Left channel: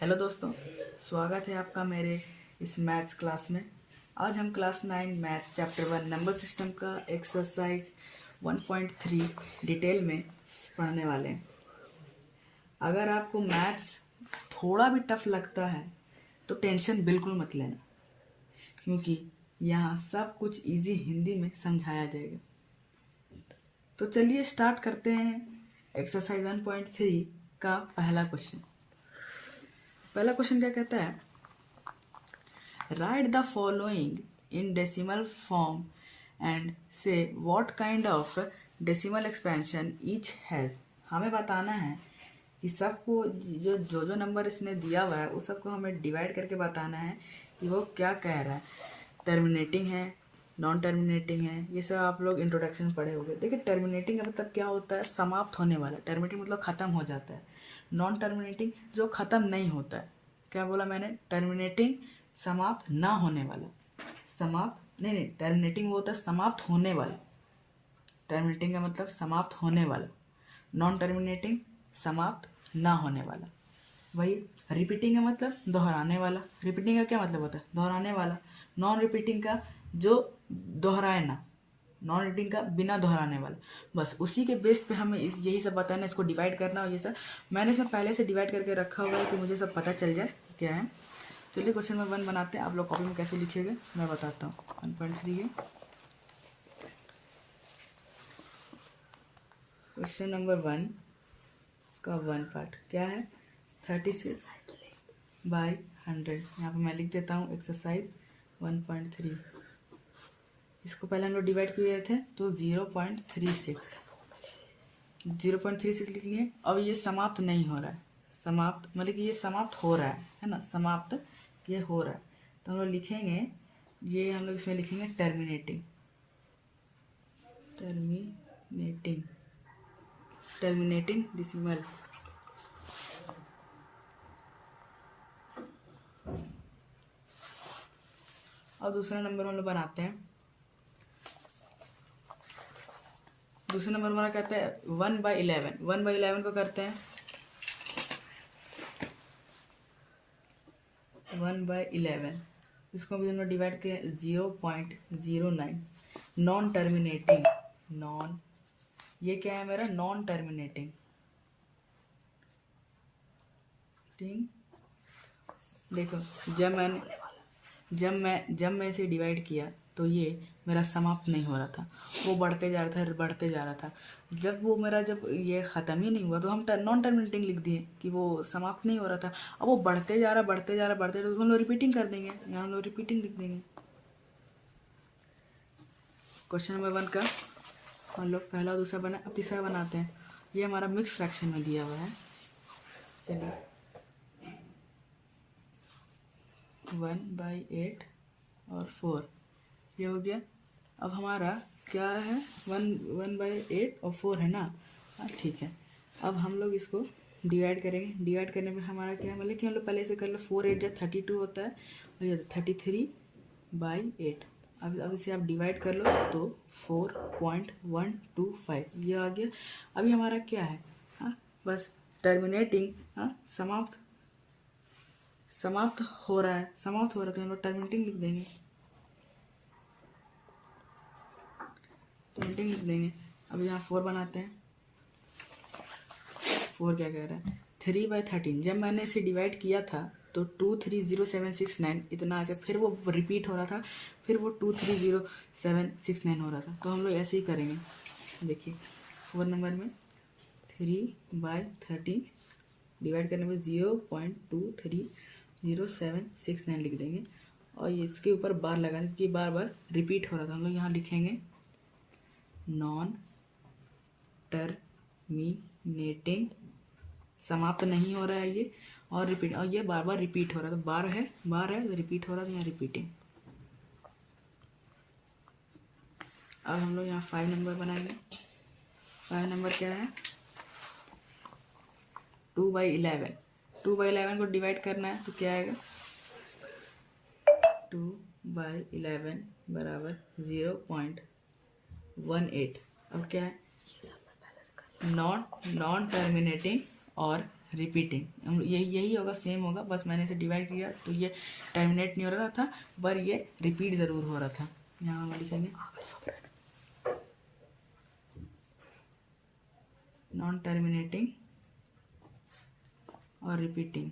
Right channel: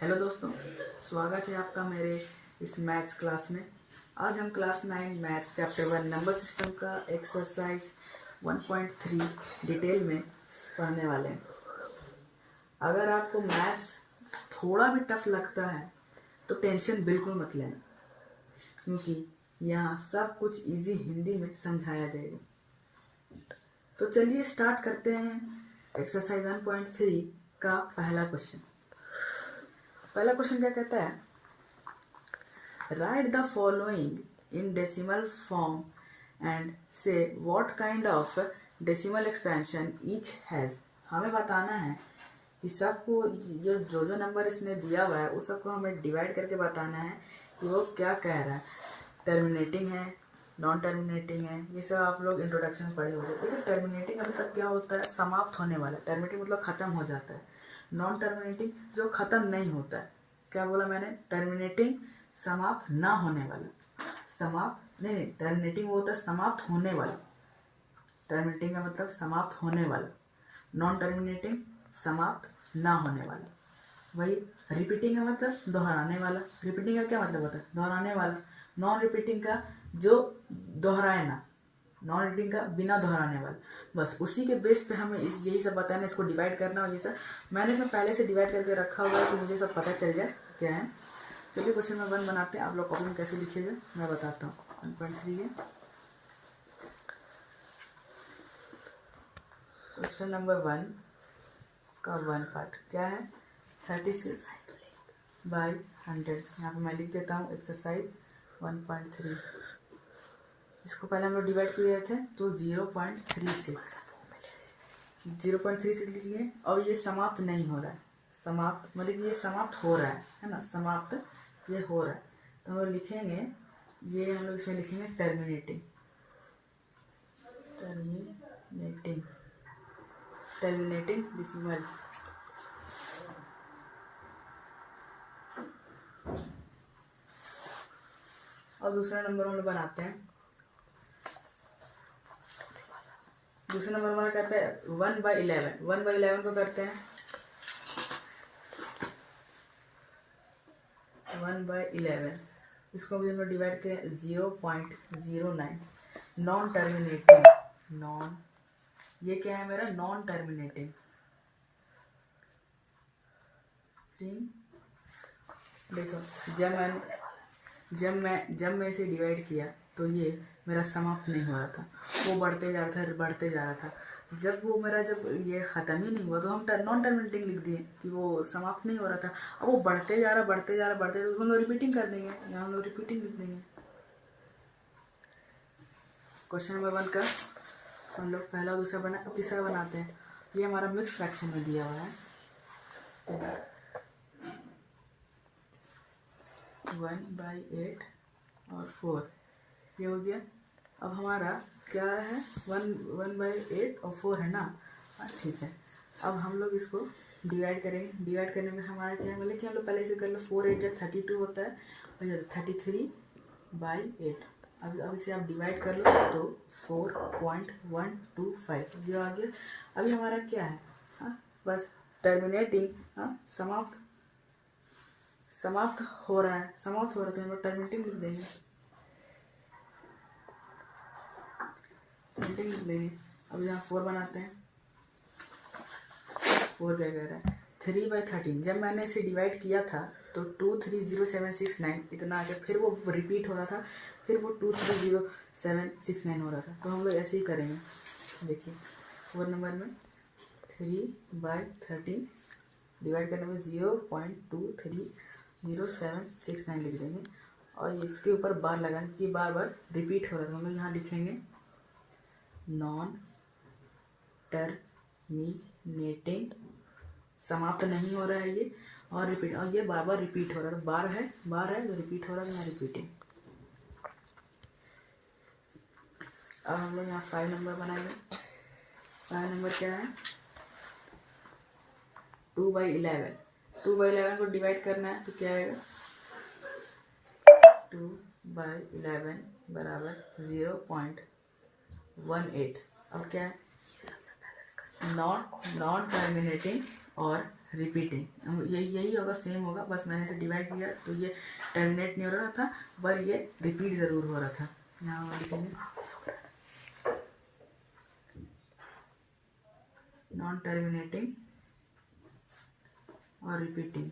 Hello दोस्तों, स्वागत है आपका मेरे इस मैथ्स क्लास में। आज हम class 9 maths chapter 1 number system का एक्सरसाइज 1.3 डिटेल में पढ़ने वाले हैं। अगर आपको मैथ्स थोड़ा भी टफ लगता है तो टेंशन बिल्कुल मत लेना, क्योंकि यहाँ सब कुछ इजी हिंदी में समझाया जाएगा। तो चलिए स्टार्ट करते हैं एक्सरसाइज 1.3 का पहला क्वेश्चन। पहला क्वेश्चन क्या कहता है, write the following in decimal form and say what kind of decimal expansion each has. हमें बताना है कि सबको जो जो जो नंबर इसने दिया हुआ है उस सबको हमें डिवाइड करके बताना है कि वो क्या कह रहा है। टर्मिनेटिंग है, नॉन टर्मिनेटिंग है, ये सब आप लोग इंट्रोडक्शन पढ़े होंगे। देखिए टर्मिनेटिंग का मतलब क्या होता है, समाप्त होने वाला। टर्मिनेटिंग मतलब ख़त्म हो जाता है। नॉन टर्मिनेटिंग जो ख़त्म नहीं होता है। क्या बोला मैंने? टर्मिनेटिंग समाप्त ना होने वाला। समाप्त नहीं, टर्मिनेटिंग वो होता है समाप्त होने वाला। टर्मिनेटिंग का मतलब समाप्त होने वाला। नॉन टर्मिनेटिंग समाप्त ना होने वाला। वही रिपीटिंग का मतलब दोहराने वाला। रिपीटिंग का क्या मतलब होता है? दोहराने वाला। नॉन रिपीटिंग का जो दोहराए ना। नॉन रिपीटिंग का बिना दोहराने वाला। बस उसी के बेस पे हमें यही सब बताना है, इसको डिवाइड करना। और ये सब मैंने इसमें पहले से डिवाइड करके रखा हुआ है कि मुझे सब पता चल जाए क्या है। चलिए क्वेश्चन नंबर 1 बनाते हैं। आप लोग कॉपी में कैसे लिखिएगा मैं बताता हूँ। 1.3 है क्वेश्चन नंबर 1 का 1 पार्ट क्या है, 36/100। यहाँ पे मैं लिख देता हूँ एक्सरसाइज 1.3। इसको पहले हम लोग डिवाइड किए थे तो 0.36 लिख लिए। अब ये समाप्त नहीं हो रहा है। समाप्त मतलब कि ये समाप्त हो रहा है ना, समाप्त ये हो रहा है। तो हम लोग लिखेंगे, ये हम लोग इसमें लिखेंगे टर्मिनेटिंग। Terminating decimal. और दूसरा नंबर हम लोग बनाते हैं। दूसरा नंबर हमारा कहते हैं 1/11। 1/11 को करते हैं 1/11। इसको भी हम लोग डिवाइड के 0.09। नॉन टर्मिनेटिंग, नॉन ये क्या है मेरा? Non terminating. देखो जब मैं इसे डिवाइड किया तो ये मेरा समाप्त नहीं हो रहा था, वो बढ़ते जा रहा था। जब ये ख़त्म ही नहीं हुआ तो हम नॉन टर्मिनेटिंग लिख दिए कि वो समाप्त नहीं हो रहा था। अब वो बढ़ते जा रहा तो हम लोग रिपीटिंग कर देंगे, यहाँ हम लोग रिपीटिंग लिख देंगे। क्वेश्चन नंबर 1 का हम लोग पहला दूसरा बना। अब तीसरा बनाते हैं। ये हमारा मिक्स फ्रैक्शन में दिया हुआ है। चलिए 1/8 और 4 ये हो गया। अब हमारा क्या है? 1/8 और 4 है ना। हाँ ठीक है। अब हम लोग इसको डिवाइड करेंगे। डिवाइड करने में हमारा क्या है, मतलब कि हम लोग पहले से कर ले। 4/8 या 32 होता है और ये 33/8। अब इसे आप डिवाइड कर लो तो 4.125 ये आ गया। अभी हमारा क्या है? हाँ बस टर्मिनेटिंग, हाँ समाप्त हो रहा है तो हम लोग टर्मिनेटिंग लिख देंगे। अब यहाँ 4 बनाते हैं। 4 क्या कह रहा है? 3/13। जब मैंने इसे डिवाइड किया था तो 230769 इतना आ गया। फिर वो रिपीट हो रहा था, फिर वो 230769 हो रहा था। तो हम लोग ऐसे ही करेंगे। देखिए 4 नंबर में 3/13 डिवाइड करने में 0.230769 लिख देंगे। और इसके ऊपर बार लगाने, क्योंकि बार बार रिपीट हो रहा था। हम लोग यहाँ लिखेंगे नॉन टर्मिनेटिंग, समाप्त नहीं हो रहा है ये, और रिपीट, और ये बार बार रिपीट हो रहा था। बार है तो रिपीट हो रहा था, यहाँ रिपीटिंग। अब हम लोग यहाँ 5 नंबर बनाएंगे। 5 नंबर क्या है? 2/11। 2/11 को डिवाइड करना है तो क्या आएगा? 2/11 बराबर 0.18। अब क्या है? नॉन टर्मिनेटिंग और रिपीटिंग, यही होगा, सेम होगा, बस मैंने इसे डिवाइड किया तो ये टर्मिनेट नहीं हो रहा था पर ये रिपीट ज़रूर हो रहा था। यहाँ हम लिखेंगे नॉन टर्मिनेटिंग और रिपीटिंग।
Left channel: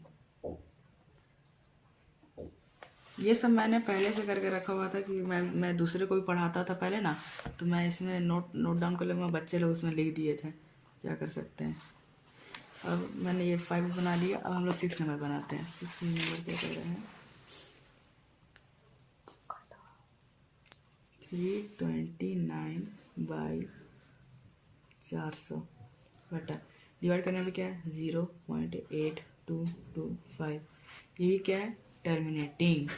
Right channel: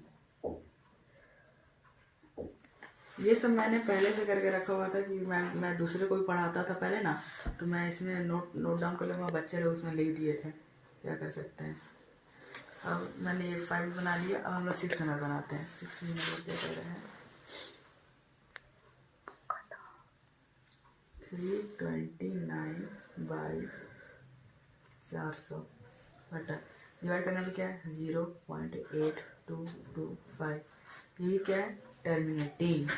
ये सब मैंने पहले से करके रखा हुआ था कि मैं दूसरे को भी पढ़ाता था पहले ना, तो मैं इसमें नोट डाउन कर लूँगा, बच्चे लोग उसमें लिख दिए थे, क्या कर सकते हैं। अब मैंने ये 5 बना लिया, अब हम लोग 6 नंबर बनाते हैं। 6 नंबर क्या कर रहे हैं, 329/400 बटा डिवाइड करने में क्या है 0.8225। ये भी क्या है टर्मिनेटिंग,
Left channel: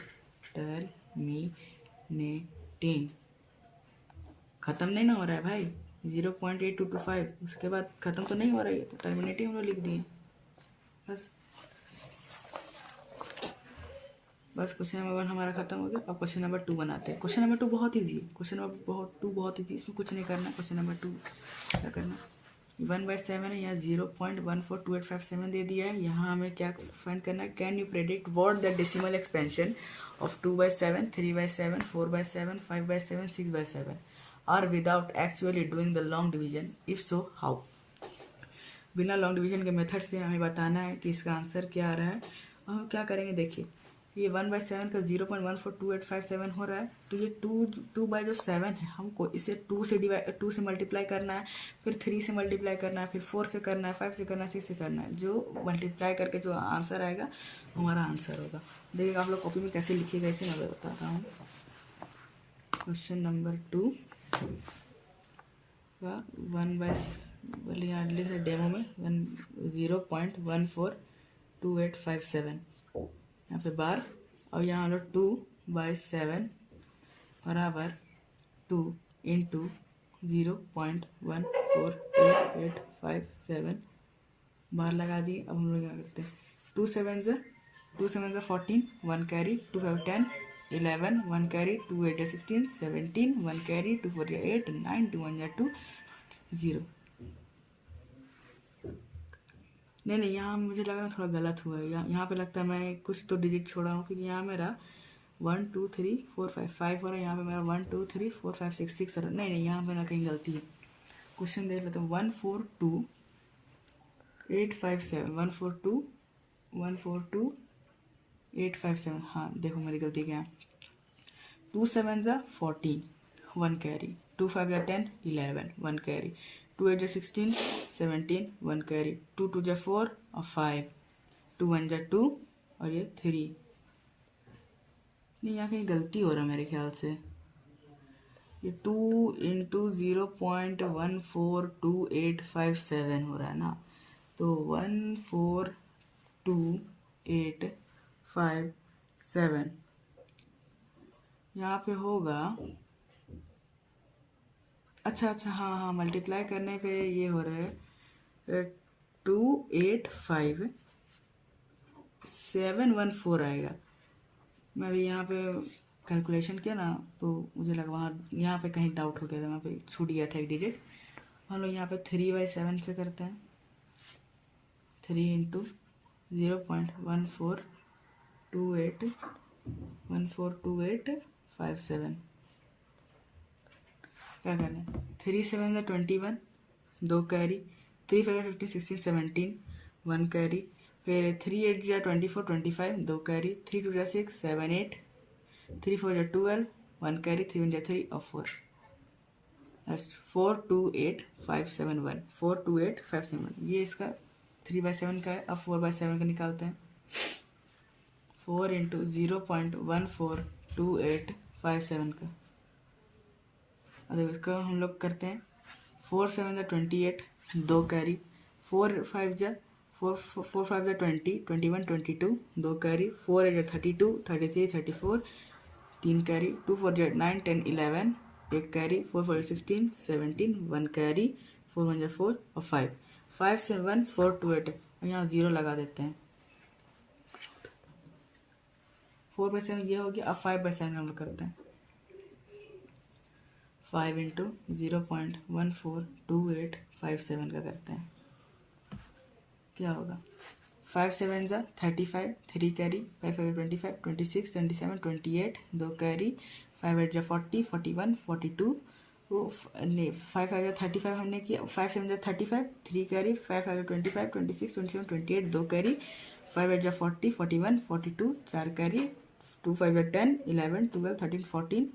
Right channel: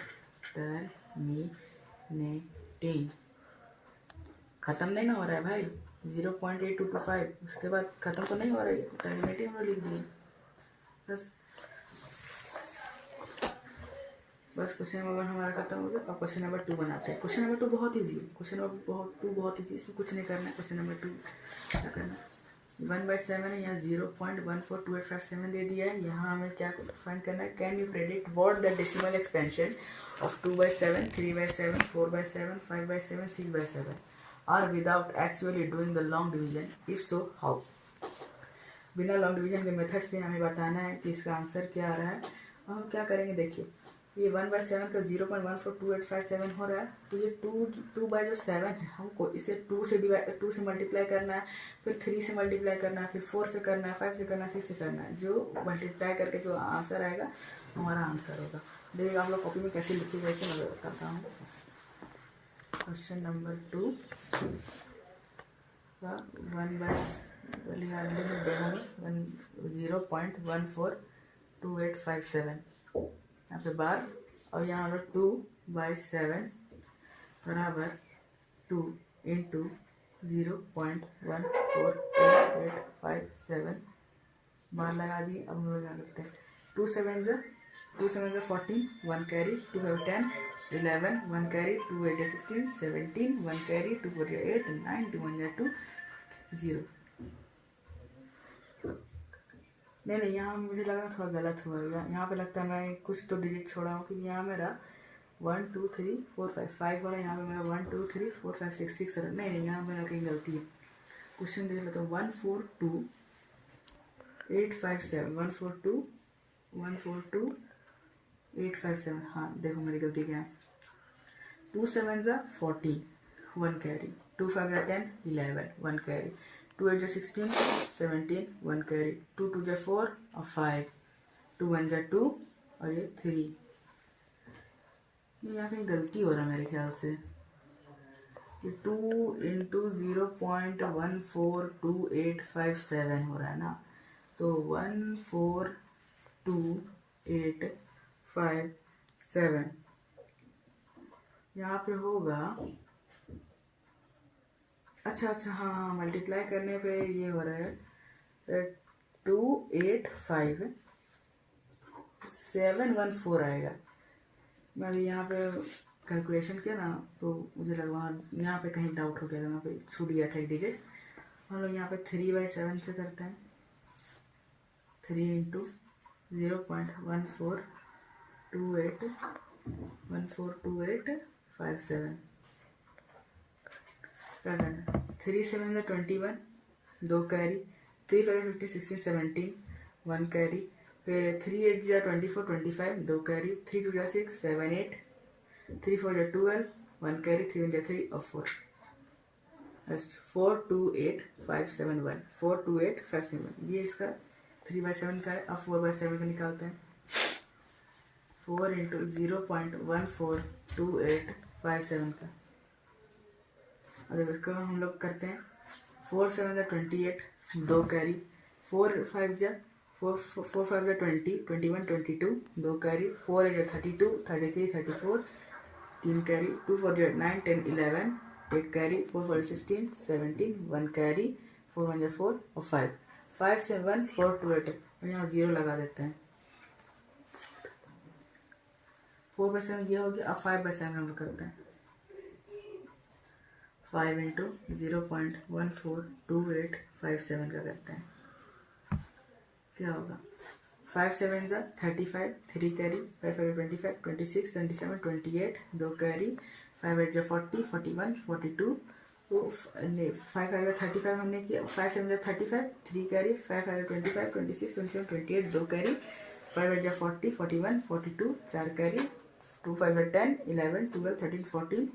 ख़त्म नहीं ना हो रहा है भाई, 0.8225 उसके बाद ख़त्म तो नहीं हो रहा है, तो टर्मिनेटिंग में लिख दिए बस क्वेश्चन नंबर 1 हमारा खत्म हो गया। अब क्वेश्चन नंबर 2 बनाते हैं। क्वेश्चन नंबर 2 बहुत ईजी है, क्वेश्चन नंबर 2 बहुत ईजी, इसमें कुछ नहीं करना है। क्वेश्चन नंबर 2 क्या करना है, 1/7 है, यहाँ 0.142857 दे दिया है। यहाँ हमें क्या फाइंड करना है, can you predict what the decimal expansion of 2/7, 3/7, 4/7, 5/7, 6/7 are without actually doing the long division, if so how. बिना लॉन्ग डिवीजन के मेथड से हमें बताना है कि इसका आंसर क्या आ रहा है। हम क्या करेंगे, देखिए ये 1/7 का 0.142857 हो रहा है, तो ये 2 बाय जो 7 है हमको इसे 2 से मल्टीप्लाई करना है, फिर 3 से मल्टीप्लाई करना है, फिर 4 से करना है, 5 से करना है, 6 से करना है। जो मल्टीप्लाई करके जो आंसर आएगा हमारा आंसर होगा। देखिएगा आप लोग कॉपी में कैसे लिखिएगा इसे मैं बताता हूँ। क्वेश्चन नंबर 2 का 0.142857 यहाँ पे बार, और यहाँ हम लोग 2/7 बराबर 2 इंटू 0.142857 बार लगा दिए। अब हम लोग क्या करते हैं, 2 7 से 14, 1 कैरी, 2 5 10, 11, 1 कैरी, 2 8 16, 17, 1 कैरी, 2 4 8, 9, 2 1 2 0। नहीं यहाँ मुझे लग रहा है थोड़ा गलत हुआ है, यहाँ पे लगता है मैं कुछ तो डिजिट छोड़ा हूँ, क्योंकि यहाँ मेरा 1 2 3 4 5 हो रहा है, यहाँ पे मेरा 1 2 3 4 5 6 6 हो रहा है। नहीं यहाँ मेरा कहीं गलती है। क्वेश्चन देख लेते हैं, 142,857, 142,857। हाँ देखो मेरी गलती क्या है, 2 7 जा 14, 1 कैरी, 2 5 जा 10, 11, 1 कैरी, 2 8 जा 16, 17, 1 कैरी, 2 2 जा 4 और 5, 2 1 जा 2 और ये 3। नहीं यहाँ कहीं गलती हो रहा है मेरे ख्याल से, ये 2 इंटू 0.142857 हो रहा है ना, तो 142,857 यहाँ पे होगा। अच्छा हाँ मल्टीप्लाई करने पे ये हो रहा है 285,714 आएगा। मैं भी यहाँ पे कैलकुलेशन किया ना, तो मुझे लगा वहाँ यहाँ पे कहीं डाउट हो गया था, वहाँ पे छूट गया था एक डिजिट। हम लोग यहाँ पे 3/7 से करते हैं, 3 इंटू 0.142857 क्या करना है, 3 7 जा 21, 2 कैरी, 3 5 15 16 17, 1 कैरी, फिर 3 8 जा 24 25, 2 कैरी, 3 2 जा 6 7 8, 3 4 जा 12, 1 कैरी, 3 1 जा 3 और 4, 428,571, 428,571 ये इसका 3/7 का है। अब 4/7 का निकालते हैं, 4 इंटू 0.142857 का। इसका हम लोग करते हैं, 4 7 जा 28, 2 कैरी, 4 5 जा 20, 21 22, 2 कैरी, 4 8 जा 32, 33 34, 3 कैरी, 2 4 जा 9 10 11, 1 कैरी, 4 4 16 17, 1 कैरी, 4 1 जा 4 और 5 7 4 2 8 यहाँ 0 लगा देते हैं। 4/7 ये हो गया। अब 5/7 हम लोग करते हैं, 5 इंटू 0.142857 का करते हैं, क्या होगा 5 7 जा 35, 3 कैरी, 5 5 25, 26, 27, 28, 2 कैरी, 5 8 जा 40, 41, 42, वो नहीं 5 5 जा 35 हमने किया, 5 7 जा 35, 3 कैरी, 5 5 25, 26, 27, 28, 2 कैरी, 5 8 जा 40, 41, 42, 4 कैरी, 2 5 जा 10, 11, 12, 13, 14,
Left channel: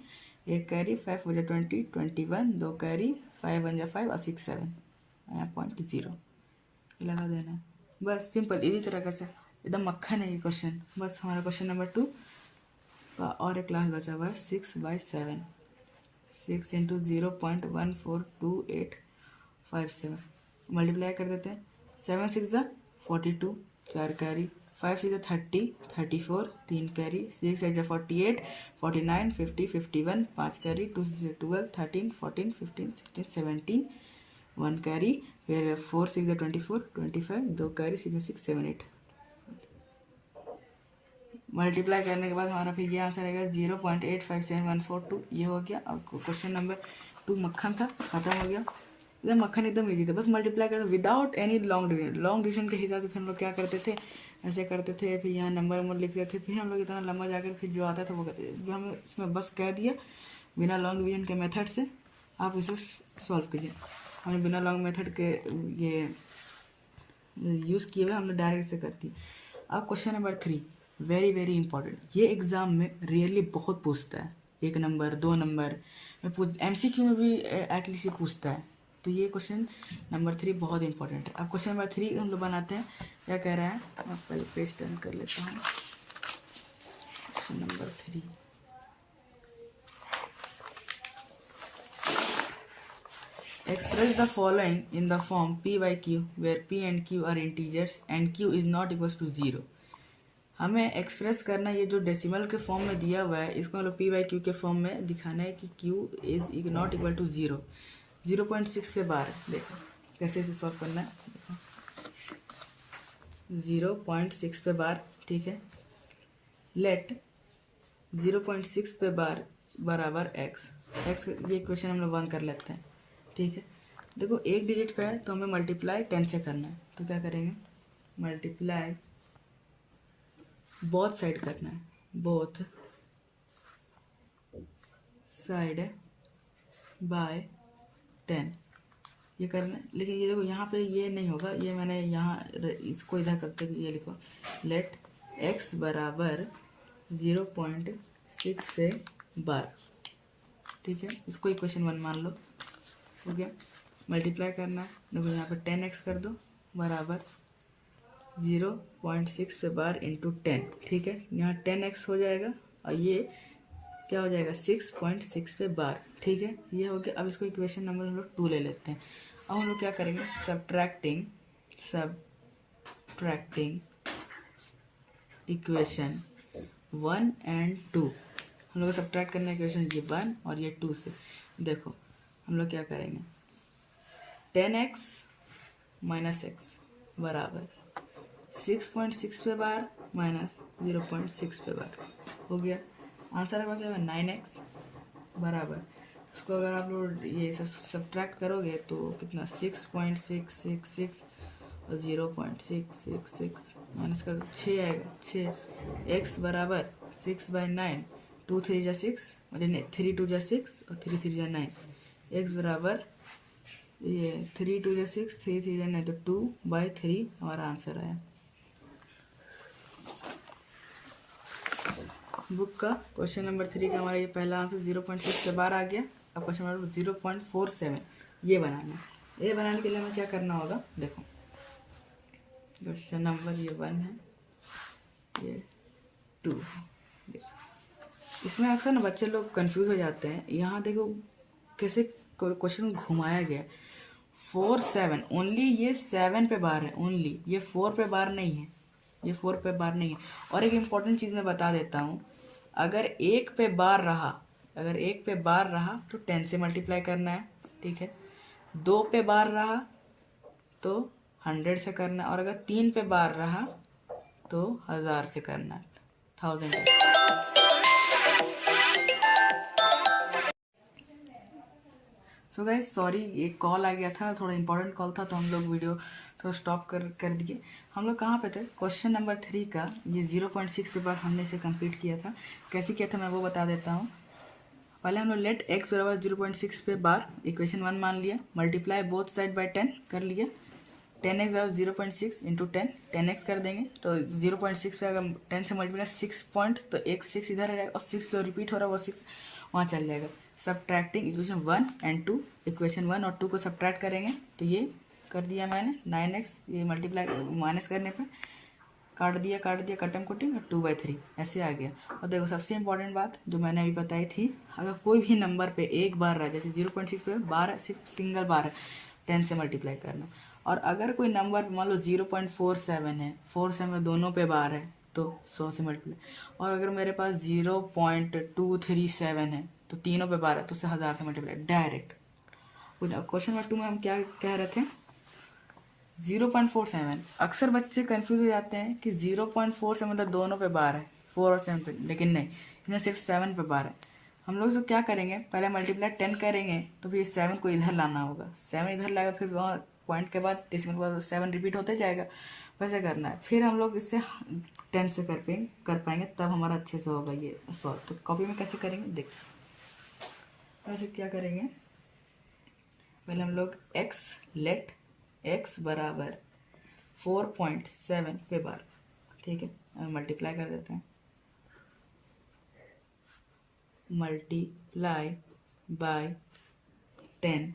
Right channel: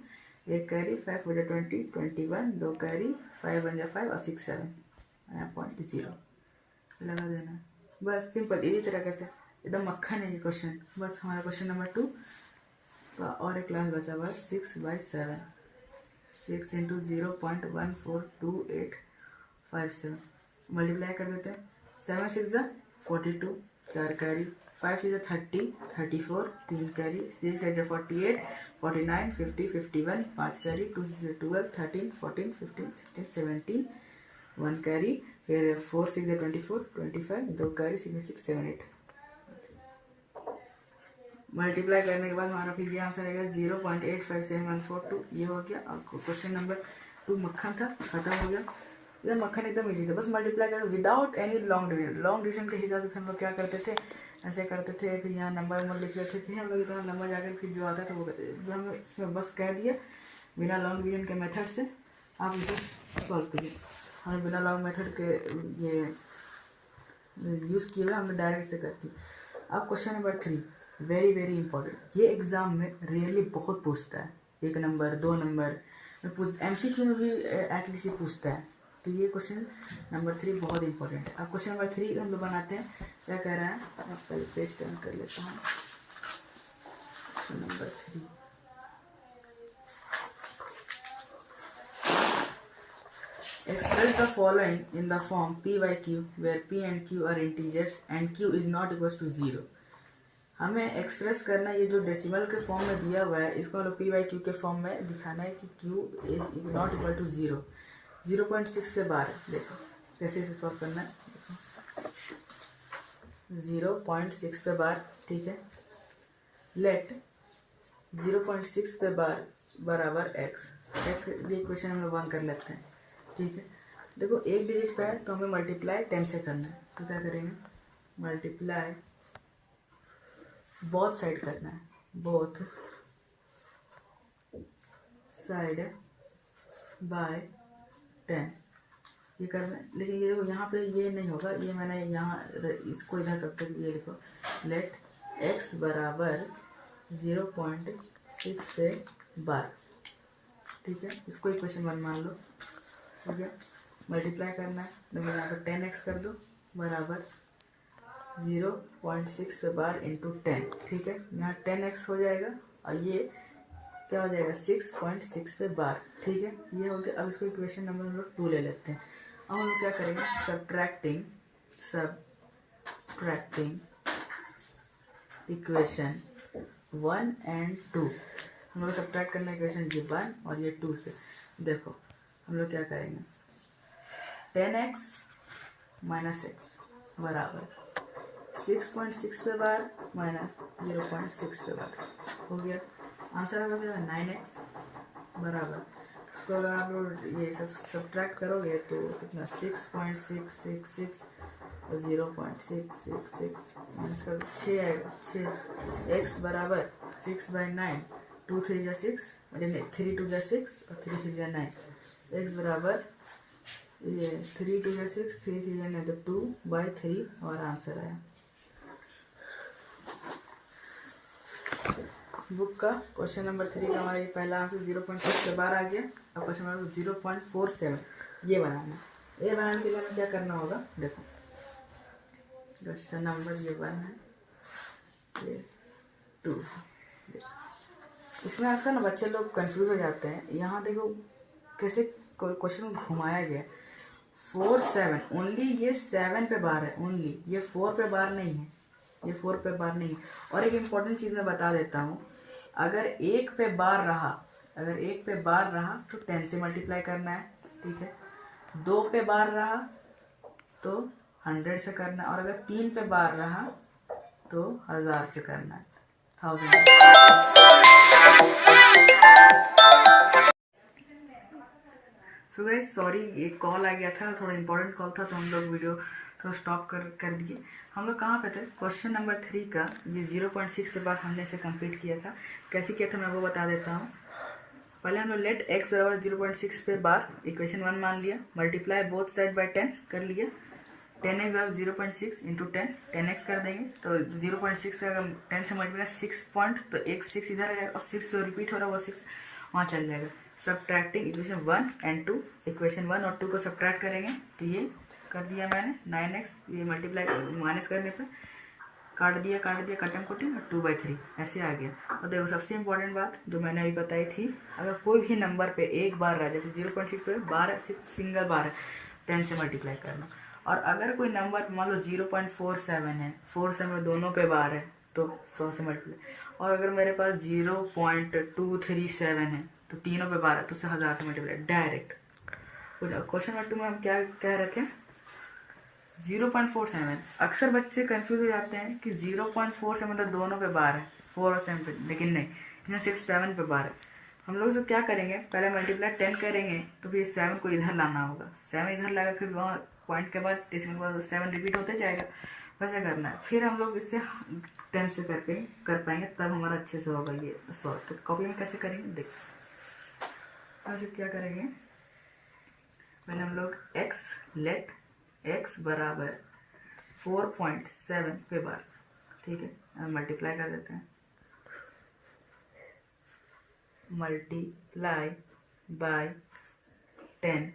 1 कैरी, 5 4 जा 20, 21, 2 कैरी, 5 1 जा 5 और 6 7 0 लगा देना। बस सिंपल इसी तरह से एकदम मक्खन है ये क्वेश्चन। बस हमारा क्वेश्चन नंबर 2 का और एक क्लास बचा हुआ है 6/7, 6 इंटू 0.142857 मल्टीप्लाई कर देते हैं। 7 6 जा 42, 4 कैरी, 5 6 जा 30, 34, 3 कैरी, 6 8 जा 48, 49, 50, 51, 5 कैरी, 2 6 जा 12, 13, 14, 15, 16, 17, 1 कैरी, फिर 4 6 जा 24, 25, 2 कैरी, 6 6 7 8 मल्टीप्लाई करने के बाद हमारा फिर ये आंसर आएगा 0.857142। ये हो गया। अब क्वेश्चन नंबर 2 मक्खन था, खत्म हो गया। एकदम मक्खन एकदम इजी था, बस मल्टीप्लाई कर without any long division. Long division के हिसाब से फिर हम लोग क्या करते थे, ऐसे करते थे, फिर यहाँ नंबर लिख देते थे, फिर हम लोग इतना लंबा जाकर फिर जो आता था वो करते थे। हम इसमें बस कह दिया बिना लॉन्ग डिवीजन के मेथड से आप इसे सॉल्व कीजिए। हमने बिना लॉन्ग मेथड के ये यूज़ किए हुए हमने डायरेक्ट से करती। अब question number 3 very very important, ये एग्ज़ाम में रियली बहुत पूछता है, 1 नंबर 2 नंबर में MCQ में भी एटलीस्ट ये पूछता है। तो ये क्वेश्चन नंबर 3 बहुत इंपॉर्टेंट है। अब क्वेश्चन नंबर 3 हम लोग बनाते हैं। क्या कह रहा है, मैं पहले पेज टर्न कर लेता हूँ। Question number 3 express the following in the form p/q where p and q are integers and q is not equals to 0। हमें एक्सप्रेस करना है, ये जो डेसिमल के फॉर्म में दिया हुआ है इसको हम लोग p/q के फॉर्म में दिखाना है कि q is not equal to 0। 0.6 पे बार है, देखो कैसे इसे सॉल्व करना है। देखो 0.6 पे बार, ठीक है। लेट 0.6 पे बार बराबर x ये इक्वेशन हम लोग 1 कर लेते हैं, ठीक है। देखो एक डिजिट पे है तो हमें मल्टीप्लाई 10 से करना है, तो क्या करेंगे, मल्टीप्लाई बोथ साइड करना है, बोथ साइड बाय 10 ये करना है। लेकिन ये देखो यहाँ पे ये नहीं होगा, ये मैंने यहाँ इसको इधर करते ये लिखो लेट x बराबर 0.6 पे बार, ठीक है। इसको इक्वेशन 1 मान लो, ठीक है। मल्टीप्लाई करना है, देखो यहाँ पे 10x कर दो बराबर 0.6 पे बार इंटू 10, ठीक है। यहाँ 10x हो जाएगा और ये क्या हो जाएगा 6.6 पे बार, ठीक है। ये हो गया। अब इसको इक्वेशन नंबर हम लोग 2 ले लेते हैं। अब हम लोग क्या करेंगे, सब्ट्रैक्टिंग इक्वेशन 1 एंड 2। हम लोग को सब्ट्रैक्ट करना है इक्वेशन ये 1 और ये 2 से। देखो हम लोग क्या करेंगे, 10x माइनस एक्स बराबर 6.6 पे बार माइनस 0.6 पे बार हो गया। आंसर आ जाएगा 9x बराबर, इसको अगर आप लोग ये सब सब्ट्रैक्ट करोगे तो कितना 6.666 और 0.666 माइनस कर 6 आएगा। 6x बराबर 6/9, 2 3 जा 6, अरे नहीं 3 2 जा 6 और 3 3 जा 9। x बराबर ये 3 2 जा 6, 3 3 जा 9 तो 2/3 हमारा आंसर आया। बुक का क्वेश्चन नंबर 3 का हमारा ये पहला आंसर 0.6 के बार आ गया। अब क्वेश्चन नंबर 0.47 ये बनाना है। ये बनाने के लिए हमें क्या करना होगा, देखो क्वेश्चन नंबर ये 1 है, ये 2। इसमें अक्सर ना बच्चे लोग कंफ्यूज हो जाते हैं। यहाँ देखो कैसे क्वेश्चन को घुमाया गया। 4 7 ओनली ये 7 पे बार है, ओनली ये 4 पे बार नहीं है, ये 4 पे बार नहीं है। और एक इम्पॉर्टेंट चीज़ मैं बता देता हूँ, अगर 1 पे बार रहा, अगर 1 पे बार रहा तो 10 से मल्टीप्लाई करना है, ठीक है। 2 पे बार रहा तो 100 से करना है, और अगर 3 पे बार रहा तो 1000 से करना है, 1000। सो गाइस सॉरी एक कॉल आ गया था, थोड़ा इंपॉर्टेंट कॉल था तो हम लोग वीडियो तो स्टॉप कर दिए। हम लोग कहाँ पे थे, क्वेश्चन नंबर 3 का ये 0.6 के बाद हमने इसे कंप्लीट किया था। कैसे किया था मैं वो बता देता हूँ। पहले हम लोग लेट x बराबर 0.6 पे बार इक्वेशन 1 मान लिया, मल्टीप्लाई बोथ साइड बाय 10 कर लिया। 10x बराबर 0.6 इंटू 10x कर देंगे तो 0.6 पे अगर 10 से मल्टीप्लाई 6 पॉइंट तो एक 6 इधर आ जाएगा और 6 जो रिपीट हो रहा है वो 6 वहाँ चल जाएगा। सब्ट्रैक्टिंग इक्वेशन 1 एंड 2, इक्वेशन 1 और 2 को सब्ट्रैक्ट करेंगे तो ये कर दिया मैंने 9x, ये मल्टीप्लाई माइनस करने पे काट दिया कटम कुटी 2/3 ऐसे आ गया। और देखो सबसे इंपॉर्टेंट बात जो मैंने अभी बताई थी, अगर कोई भी नंबर पे एक बार रहे, जैसे 0.6 पे बार है, सिर्फ सिंगल बार है, 10 से मल्टीप्लाई करना। और अगर कोई नंबर मान लो 0.47 है, 47 दोनों पे बार है तो 100 से मल्टीप्लाई। और अगर मेरे पास 0.237 है तो तीनों पे बार है तो 1000 से मल्टीप्लाई डायरेक्ट। क्वेश्चन नंबर 2 में हम क्या कह रहे थे, 0.47। अक्सर बच्चे कंफ्यूज हो जाते हैं कि 0.47 मतलब दोनों पे बार है, 4 और 7 पे, लेकिन नहीं, इन्हें सिर्फ 7 पे बार है। हम लोग तो क्या करेंगे, पहले मल्टीप्लाई 10 करेंगे तो फिर 7 को इधर लाना होगा, 7 इधर लाएगा, फिर वहाँ पॉइंट के बाद डेसिमल के बाद 7 रिपीट होते जाएगा, वैसे करना है। फिर हम लोग इससे 10 से कर पाएंगे तब हमारा अच्छे से होगा ये सॉल्व। तो कॉपी में कैसे करेंगे देख, ऐसे क्या करेंगे, पहले हम लोग लेट x बराबर 4.7 पे बार, ठीक है, मल्टीप्लाई कर देते हैं, multiply by 10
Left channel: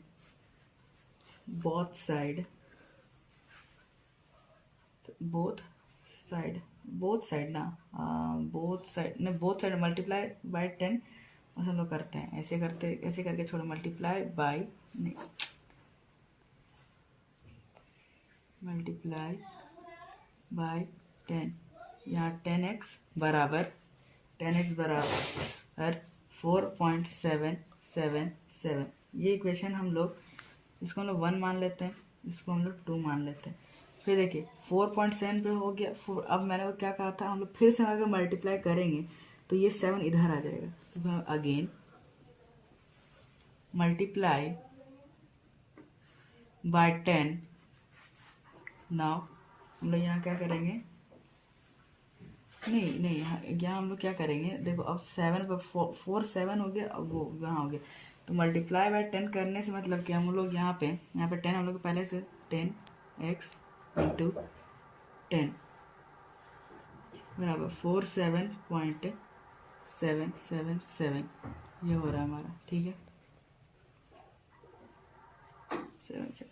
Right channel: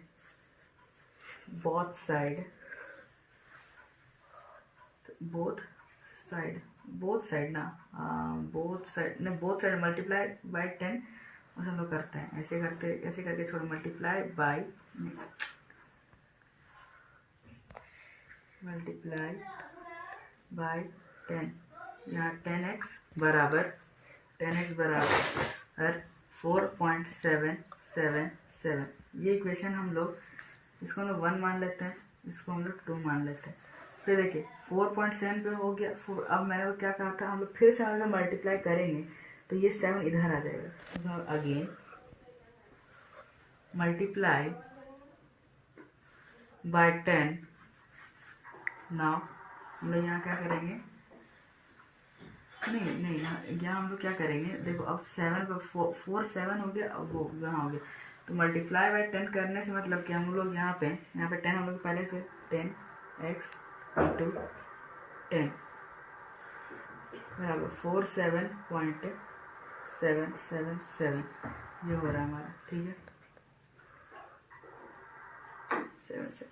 both side multiply by 10 और हम लोग करते हैं ऐसे करके छोड़ो, मल्टीप्लाई बाय मल्टीप्लाई बाय 10, यहाँ 10x बराबर 4.777। ये इक्वेशन हम लोग इसको हम लोग 1 मान लेते हैं, इसको हम लोग 2 मान लेते हैं। फिर देखिए 4.7 पे हो गया। अब मैंने वो क्या कहा था, हम लोग फिर से अगर मल्टीप्लाई करेंगे तो ये 7 इधर आ जाएगा, तो अगेन मल्टीप्लाई बाय 10। नाउ हम लोग यहाँ क्या करेंगे, नहीं यहाँ हम लोग क्या करेंगे, देखो अब 7 पर 4 हो गया, अब वो यहाँ हो गया, तो मल्टीप्लाई बाय 10 करने से मतलब कि हम लोग यहाँ पे 10 हम लोग पहले से 10x इंटू 10 बराबर 47.777 ये हो रहा है हमारा, ठीक है 7।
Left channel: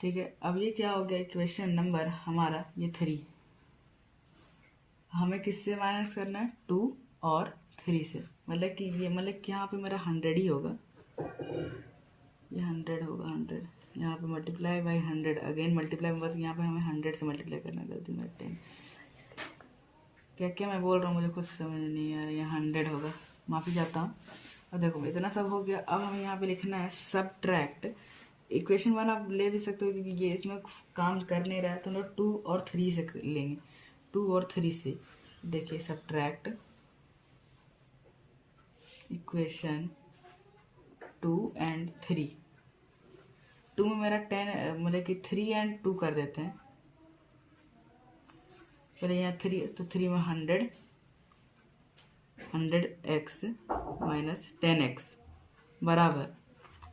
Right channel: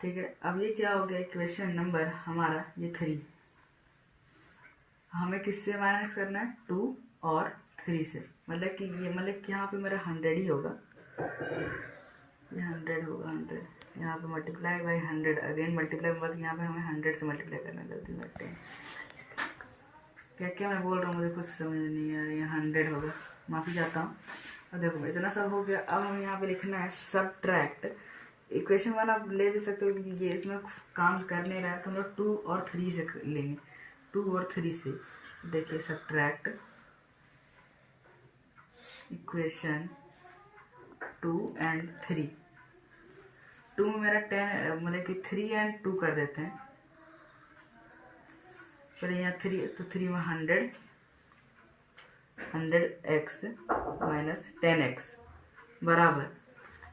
ठीक है, अब ये क्या हो गया, इक्वेशन नंबर हमारा ये 3। हमें किससे माइनस करना है, 2 और 3 से, मतलब कि ये मतलब कि यहाँ पे मेरा 100 ही होगा, ये 100 होगा, 100 यहाँ पे मल्टीप्लाई बाई 100, अगेन मल्टीप्लाई बस यहाँ पे हमें 100 से मल्टीप्लाई करना, गलती में 10 क्या मैं बोल रहा हूँ मुझे कुछ समझ नहीं आ रहा है, यहाँ 100 होगा, माफ़ी चाहता हूँ। और देखो इतना सब हो गया, अब हमें यहाँ पे लिखना है सब्ट्रैक्ट। इक्वेशन 1 आप ले भी सकते हो क्योंकि ये इसमें काम कर नहीं रहा है, तो हम लोग 2 और 3 से लेंगे, 2 और 3 से। देखिए सब्ट्रैक्ट इक्वेशन 2 एंड 3। 2 में मेरा 10 मतलब कि 3 एंड 2 कर देते हैं, फिर यहाँ 3 तो 3 में 100x माइनस 10x बराबर,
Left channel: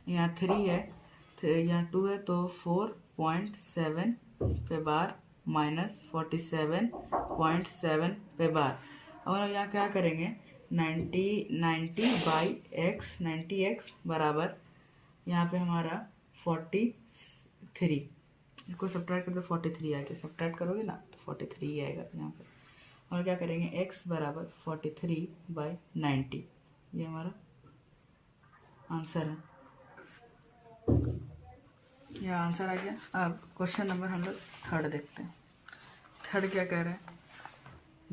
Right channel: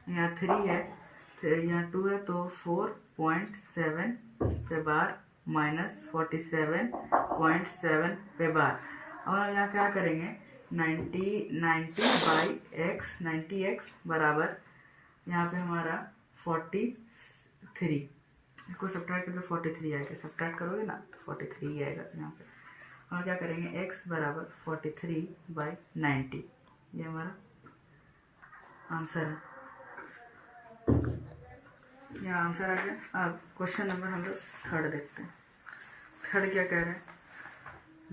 यहाँ 3 है तो यहाँ 2 है तो 4.7 पे बार माइनस 47.7 पे बार। और यहाँ क्या करेंगे 90x बराबर, यहाँ पे हमारा 43, इसको सब्ट्रैक्ट करके 43 आएगा, सब्ट्रैक्ट करोगे ना तो 43 ही आएगा यहाँ पे। और क्या करेंगे x बराबर 43/90, ये हमारा आंसर है, ये आंसर आ गया। अब क्वेश्चन नंबर हम लोग 3 देखते हैं। 3 क्या कह रहा है,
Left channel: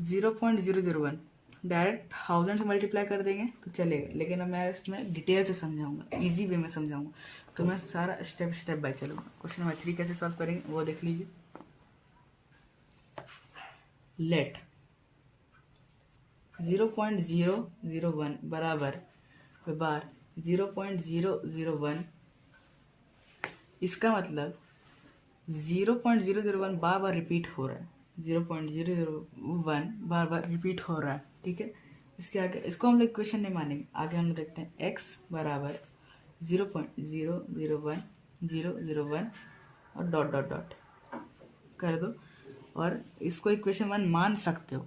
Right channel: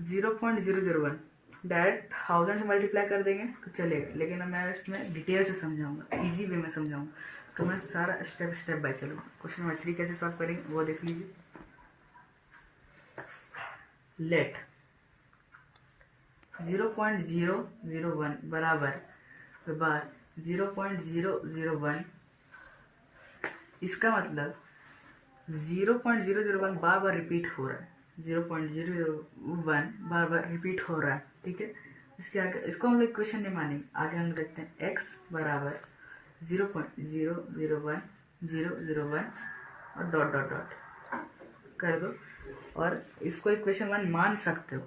0.001 डायरेक्ट 1000 से मल्टीप्लाई कर देंगे तो चलेगा, लेकिन अब मैं इसमें डिटेल से समझाऊंगा, इजी वे में समझाऊंगा, तो मैं सारा स्टेप बाय चलूँगा। क्वेश्चन नंबर 3 कैसे सॉल्व करेंगे वो देख लीजिए। लेट 0.001 बराबर बार 0.001, इसका मतलब 0.001 बार बार रिपीट हो रहा है, 0.001 बार बार रिपीट हो रहा है, ठीक है। इसके आगे इसको हम लोग इक्वेशन नहीं मानेंगे, आगे हम देखते हैं x बराबर 0.001001 और डॉट डॉट डॉट कर दो, और इसको इक्वेशन 1 मान सकते हो।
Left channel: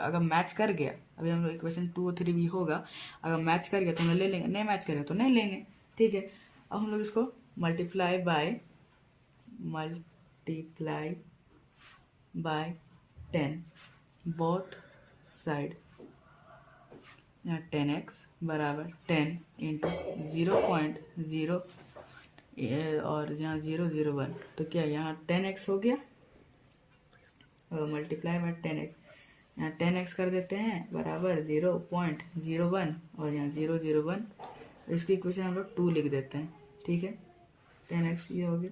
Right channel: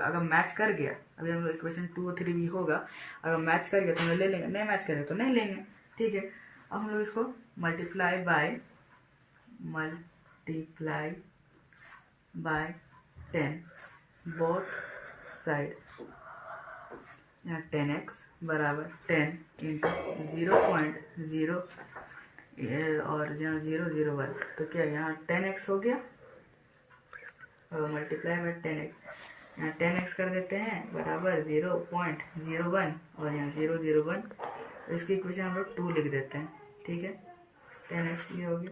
अगर मैच कर गया, अभी हम लोग इक्वेशन 2 और 3 भी होगा, अगर मैच कर गया तो हम लोग ले लेंगे, नहीं मैच करेगा तो नहीं लेंगे, ठीक है। अब हम लोग इसको मल्टीप्लाई बाय 10 बोथ साइड, यहाँ 10x बराबर 10 इंटू 0.0 और यहाँ 001, तो क्या यहाँ 10x हो गया, मल्टीप्लाई बाय 10x, यहाँ 10x कर देते हैं बराबर 0.01 और यहाँ 001, इसकी इक्वेशन हम लोग 2 लिख देते हैं, ठीक है। 10x ये हो गया।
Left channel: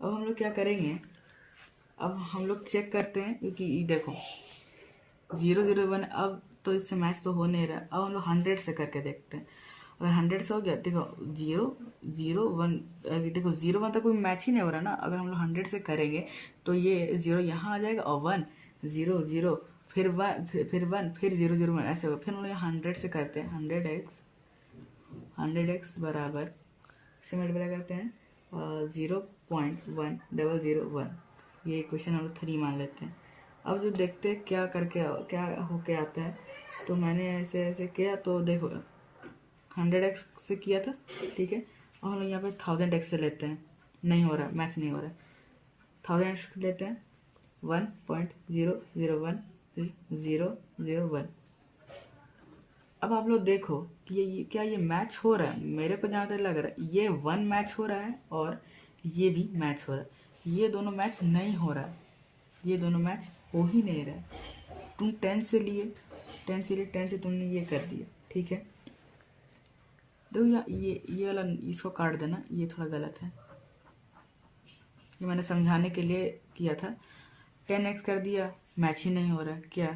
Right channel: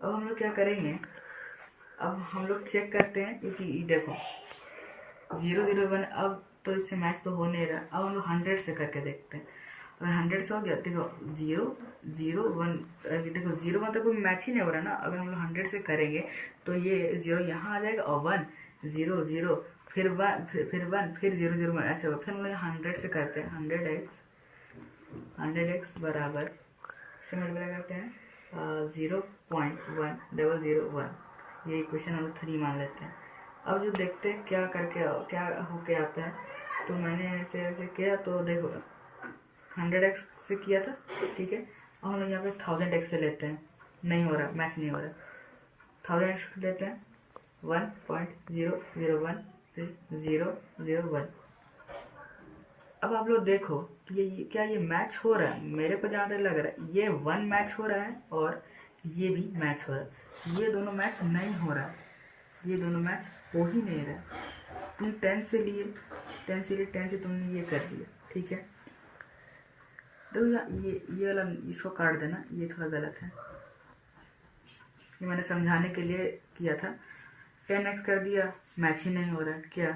अब हम लोग क्या करेंगे, अब हम लोग चेक करते हैं, क्योंकि ये देखो 001 अब तो इससे मैच तो हो नहीं रहा। अब हम लोग 100 से करके देखते हैं, अगर 100 से हो गया, देखो 001, देखो 0 तक कोई मैच ही नहीं हो रहा है ना। अगर हम लोग 100 से करेंगे तो ये 0 यहाँ आ जाएगा और 1 0 0 फिर 1 फिर 1 फिर 001 ऐसे होगा। फिर हम लोग 100 से करते हैं, 100x बराबर से मल्टीप्लाई करते हैं 0.1001, ये इक्वेशन हम 3 मान लेते हैं। अब जो देखते हैं क्या होके आता है, तो मैंने ऐसे ऐसे किया, तो देखो 100x से किया था, ठीक है। अब हम लोग यहाँ पे 1000x से लेते हैं, नहीं हो रहा, मैच नहीं हो रहा, 1000x लेते हैं 1.001 फिर 001। अब आप लोग देखो कि ये क्या ये मैच हो रहा है, मेरे को जहाँ तक लग रहा है ये 1 मैच हो रहा है और ये भी मैच हो रहा है, ये दोनों मैच नहीं हो रहा है, ये दोनों मैच हो ही नहीं रहा है। तुम 10 से लिए 10 से तुमने ये कर दिया, ठीक है। देखो ये वाला इसको काट देना, ये थोड़ा गलत है, ये मैंने समझाने के लिए किया था। 10x कर दिया, मैच ही नहीं हो रहा है, क्या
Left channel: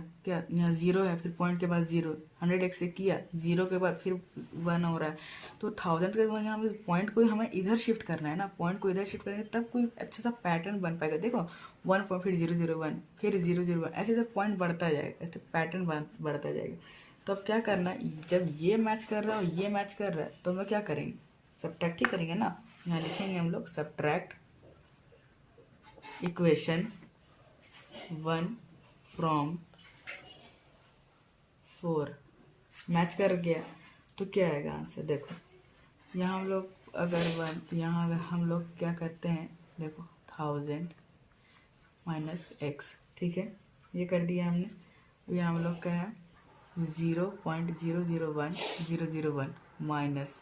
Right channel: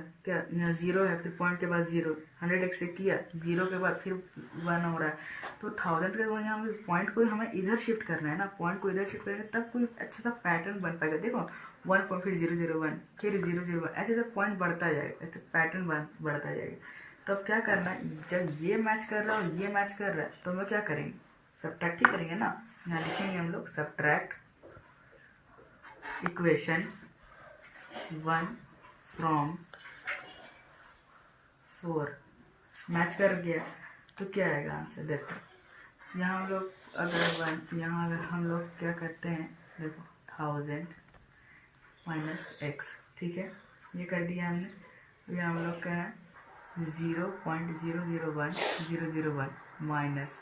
यहाँ 0 है, फिर पॉइंट के बाद 0, 100x से किया 0 के बाद फिर 1 हो रहा है, तो 1000 के बाद यहाँ पॉइंट को हमें इधर शिफ्ट करना है ना, पॉइंट को इधर शिफ्ट करेंगे तब कोई अच्छा सा पैटर्न बन पाएगा। देखो 1 फिर 001 फिर 001 ऐसे जब पॉइंट बढ़ता जाएगा, ऐसे पैटर्न बढ़ता जाएगा। तो अब क्या करना है, जब ये मैच कर रहा है और ये मैच कर रहा है, तो हम लोग क्या करेंगे, सब्ट्रैक्ट ही करेंगे ना। यहाँ लिखेंगे हम लोग सब्ट्रैक्ट इक्वेशन 1 फ्रॉम 4, मैच कर गया तो क्या आएगा आंसर। देखो यहाँ हम लोग अगर 1, तो यहाँ अगर हम लोग क्या करते हैं, देखो 1000 माइनस x, ठीक है, ये कर दिया हमने। तो यहाँ हम लोग क्या है 0.001001 माइनस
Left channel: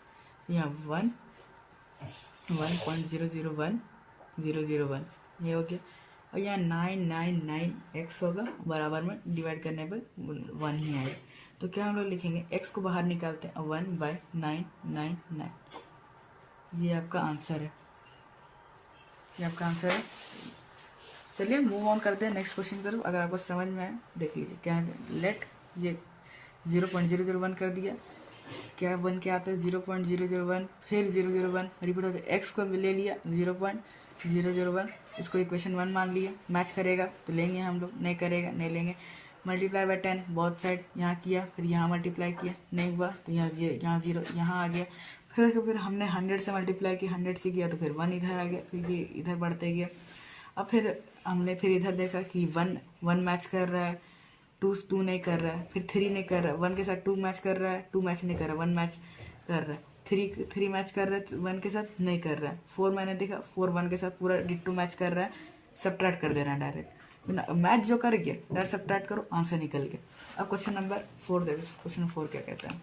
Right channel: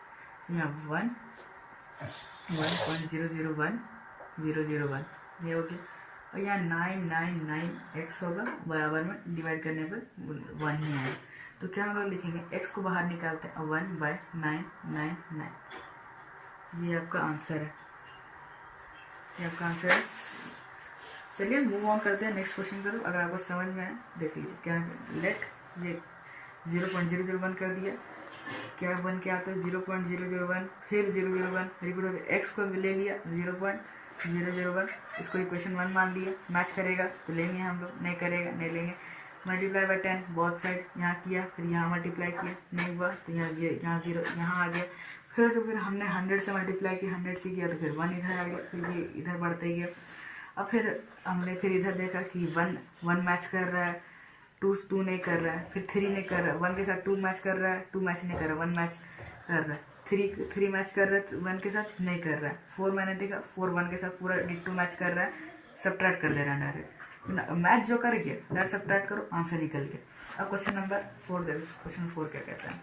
यहाँ 1.001001, ये हो गया। और यहाँ 999x होगा, बराबर में डिवाइड करने पर 1 ही आएगा। तो क्या हम लोग लिखेंगे, x को बाहर निकालते हैं 1/999, ये आपका आंसर है, ये आपका आंसर है। चलिए मूव ऑन करते हैं नेक्स्ट क्वेश्चन पर। अगर आपको समझ में आए देख लीजिए क्या है। लेट ये 0.001 कर दिया, क्या बन के आता है 0.001 फिर 001 रिपीट होकर एक्स को ले लिया 0.001, इसको इक्वेशन 1 मान लिया। मैच करेगा तो लेंगे हम लोग, नहीं करेगा नहीं लेंगे। मल्टीप्लाई बाय 10 बोथ साइड यहाँ किया, फिर यहाँ मल्टीप्लाई किया, नहीं हुआ तो यहाँ 0 यहाँ आ गया। फिर हमने 100 से मल्टीप्लाई किया, 100 से किया तो फिर 1 इधर आ गया, फिर ये इधर बढ़ते गया। अब फिर हमने फिर इधर देखा कि 1 मैच कर रहा है, 2 नहीं कर रहा है, फिर 3 नहीं कर रहा है, 1 के साथ 2 मैच कर रहा है, 2 मैच नहीं कर रहा है, 1 मैच कर रहा है, 3 मैच कर रहा है, 1 के साथ नहीं कर रहा है। 4 मैंने देखा, 4 1 के साथ पूरा डिट्टो मैच कर रहा है, सब्ट्रैक्ट कर दे रहा है डायरेक्ट। मैच जो कर गया डायरेक्ट सब्ट्रैक्ट करो, आंसर निकल गया। अब क्वेश्चन नंबर 4 देखो, क्वेश्चन 4 क्या कहता है,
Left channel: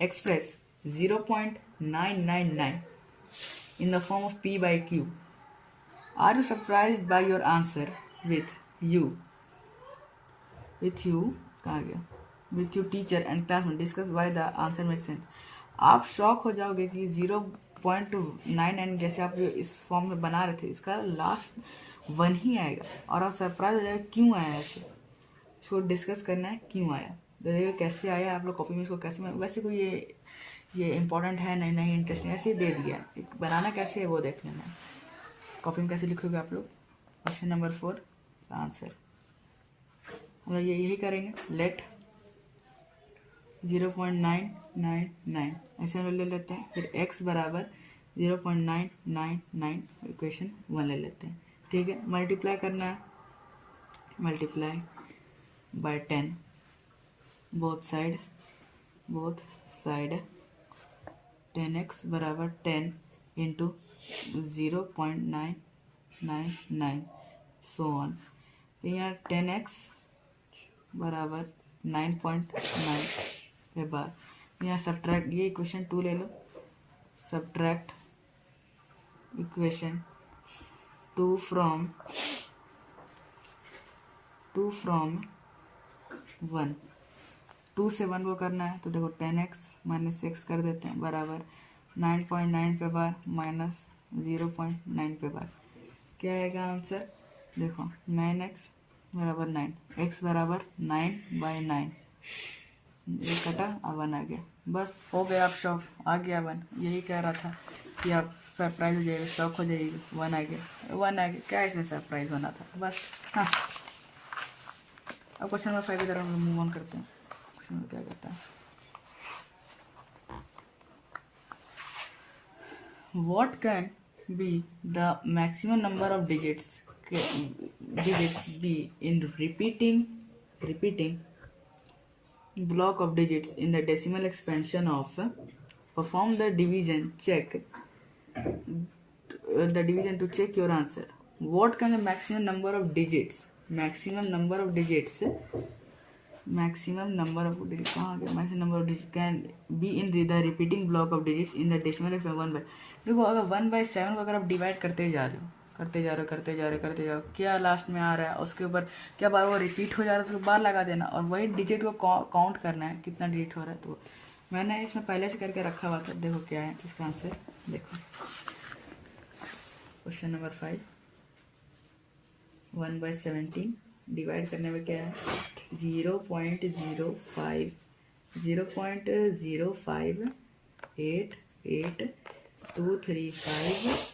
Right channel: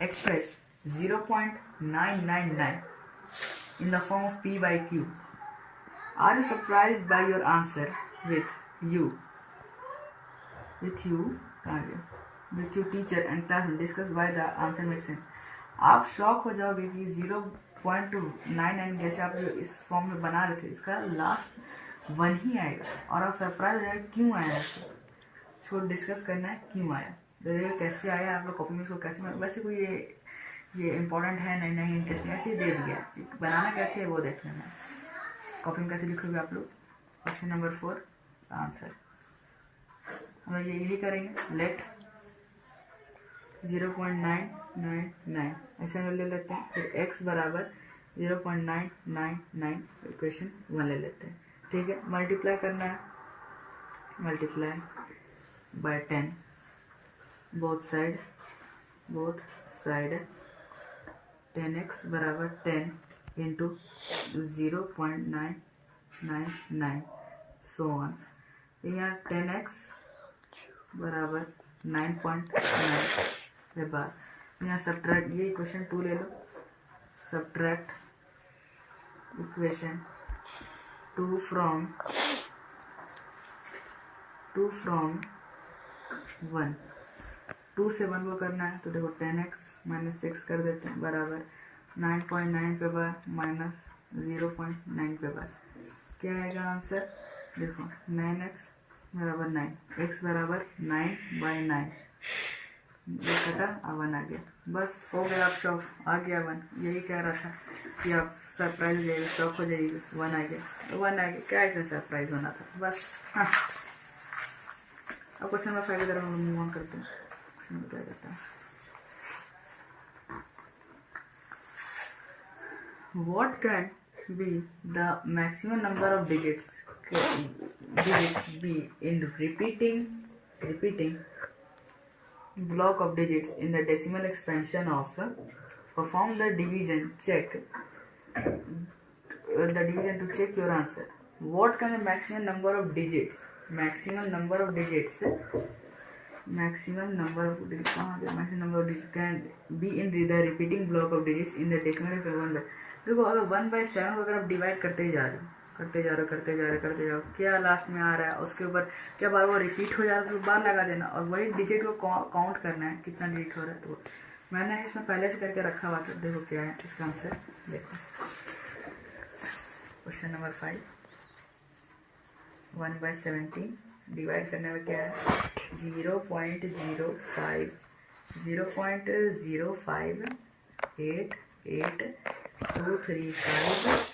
express 0.999 in the form of p by q. Are you surprised by your answer with you कहाँ गया, with your teacher and classmate discuss why the answer makes sense. आप शॉक हो जाओगे कि 0.99 जैसे आप इस फॉर्म में बना रहे थे, इसका लास्ट 1 ही आएगा, और आप सरप्राइज हो जाएगा क्यों आया इसको डिस्कस करना है क्यों आया। देखिए कैसे आया, आप लोग कॉपी में इसको कैसे, वैसे कोई ये ये इंपॉर्टेंट है नहीं नहीं इंटरेस्टिंग, ऐसे ही दे दिया है, बनाना कैसे है वो देख लेना। कॉपी में कैसे लिखोगे आप लोग? क्वेश्चन नंबर 4 का आंसर हम लोग यही करेंगे। लेट 0.999 ऐसे हम ले लेते हैं, फिर x बराबर 0.999 इक्वेशन 1 ले लेते हैं। ठीक है, मल्टीप्लाई करना है, multiply by 10 both side 10x बराबर 10 इंटू 0.999 सो ऑन। यहाँ 10x बराबर 9.9 के बाद यहाँ सब्ट्रैक्ट, ये इक्वेशन 2 ले लो, सब्ट्रैक्ट इक्वेशन 2 फ्रॉम 1, 2 से 1 को करना है तो देखो 10x माइनस 6 कर देते हैं बराबर 9.9 पे बार माइनस 0.9 पे बार, क्या आएगा आंसर? देखो 9x बराबर 9, x बराबर 9/9, ये कटा अब 1 आ गया, बस हो गया। आप शौक आ गया 1, यही कह रहा था कि आप सरप्राइज हो जाएगा, शौक हो जाएगी। 1 आ गया, 1 आ गया, क्या इसमें सरप्राइज होना था बस। हाँ, अब क्वेश्चन नंबर 5 की तरफ हम मूव ऑन करते हैं। क्वेश्चन क्या कहता है, what can be the maximum number of digits be in repeating block of digits in the decimal expansion of perform the division to check your answer. What can the maximum number of digits maximum number of digits can be in the repeating block of digits in the decimal expansion 1/. देखो अगर 1/7 को अगर आप divide करते जा रहे हो क्या लास्ट में आ रहा है, उसके ऊपर क्या बार वो रिपीट हो जा रहा है, उसको बार लगा देना और वही डिजिट को काउंट करना है कितना डिजिट हो रहा है। तो मैंने इसमें पहले से करके रखा हुआ था, देखो क्या है इसका आंसर। देखो क्वेश्चन नंबर 5, 1/17 डिवाइड करने में क्या है 0.0588235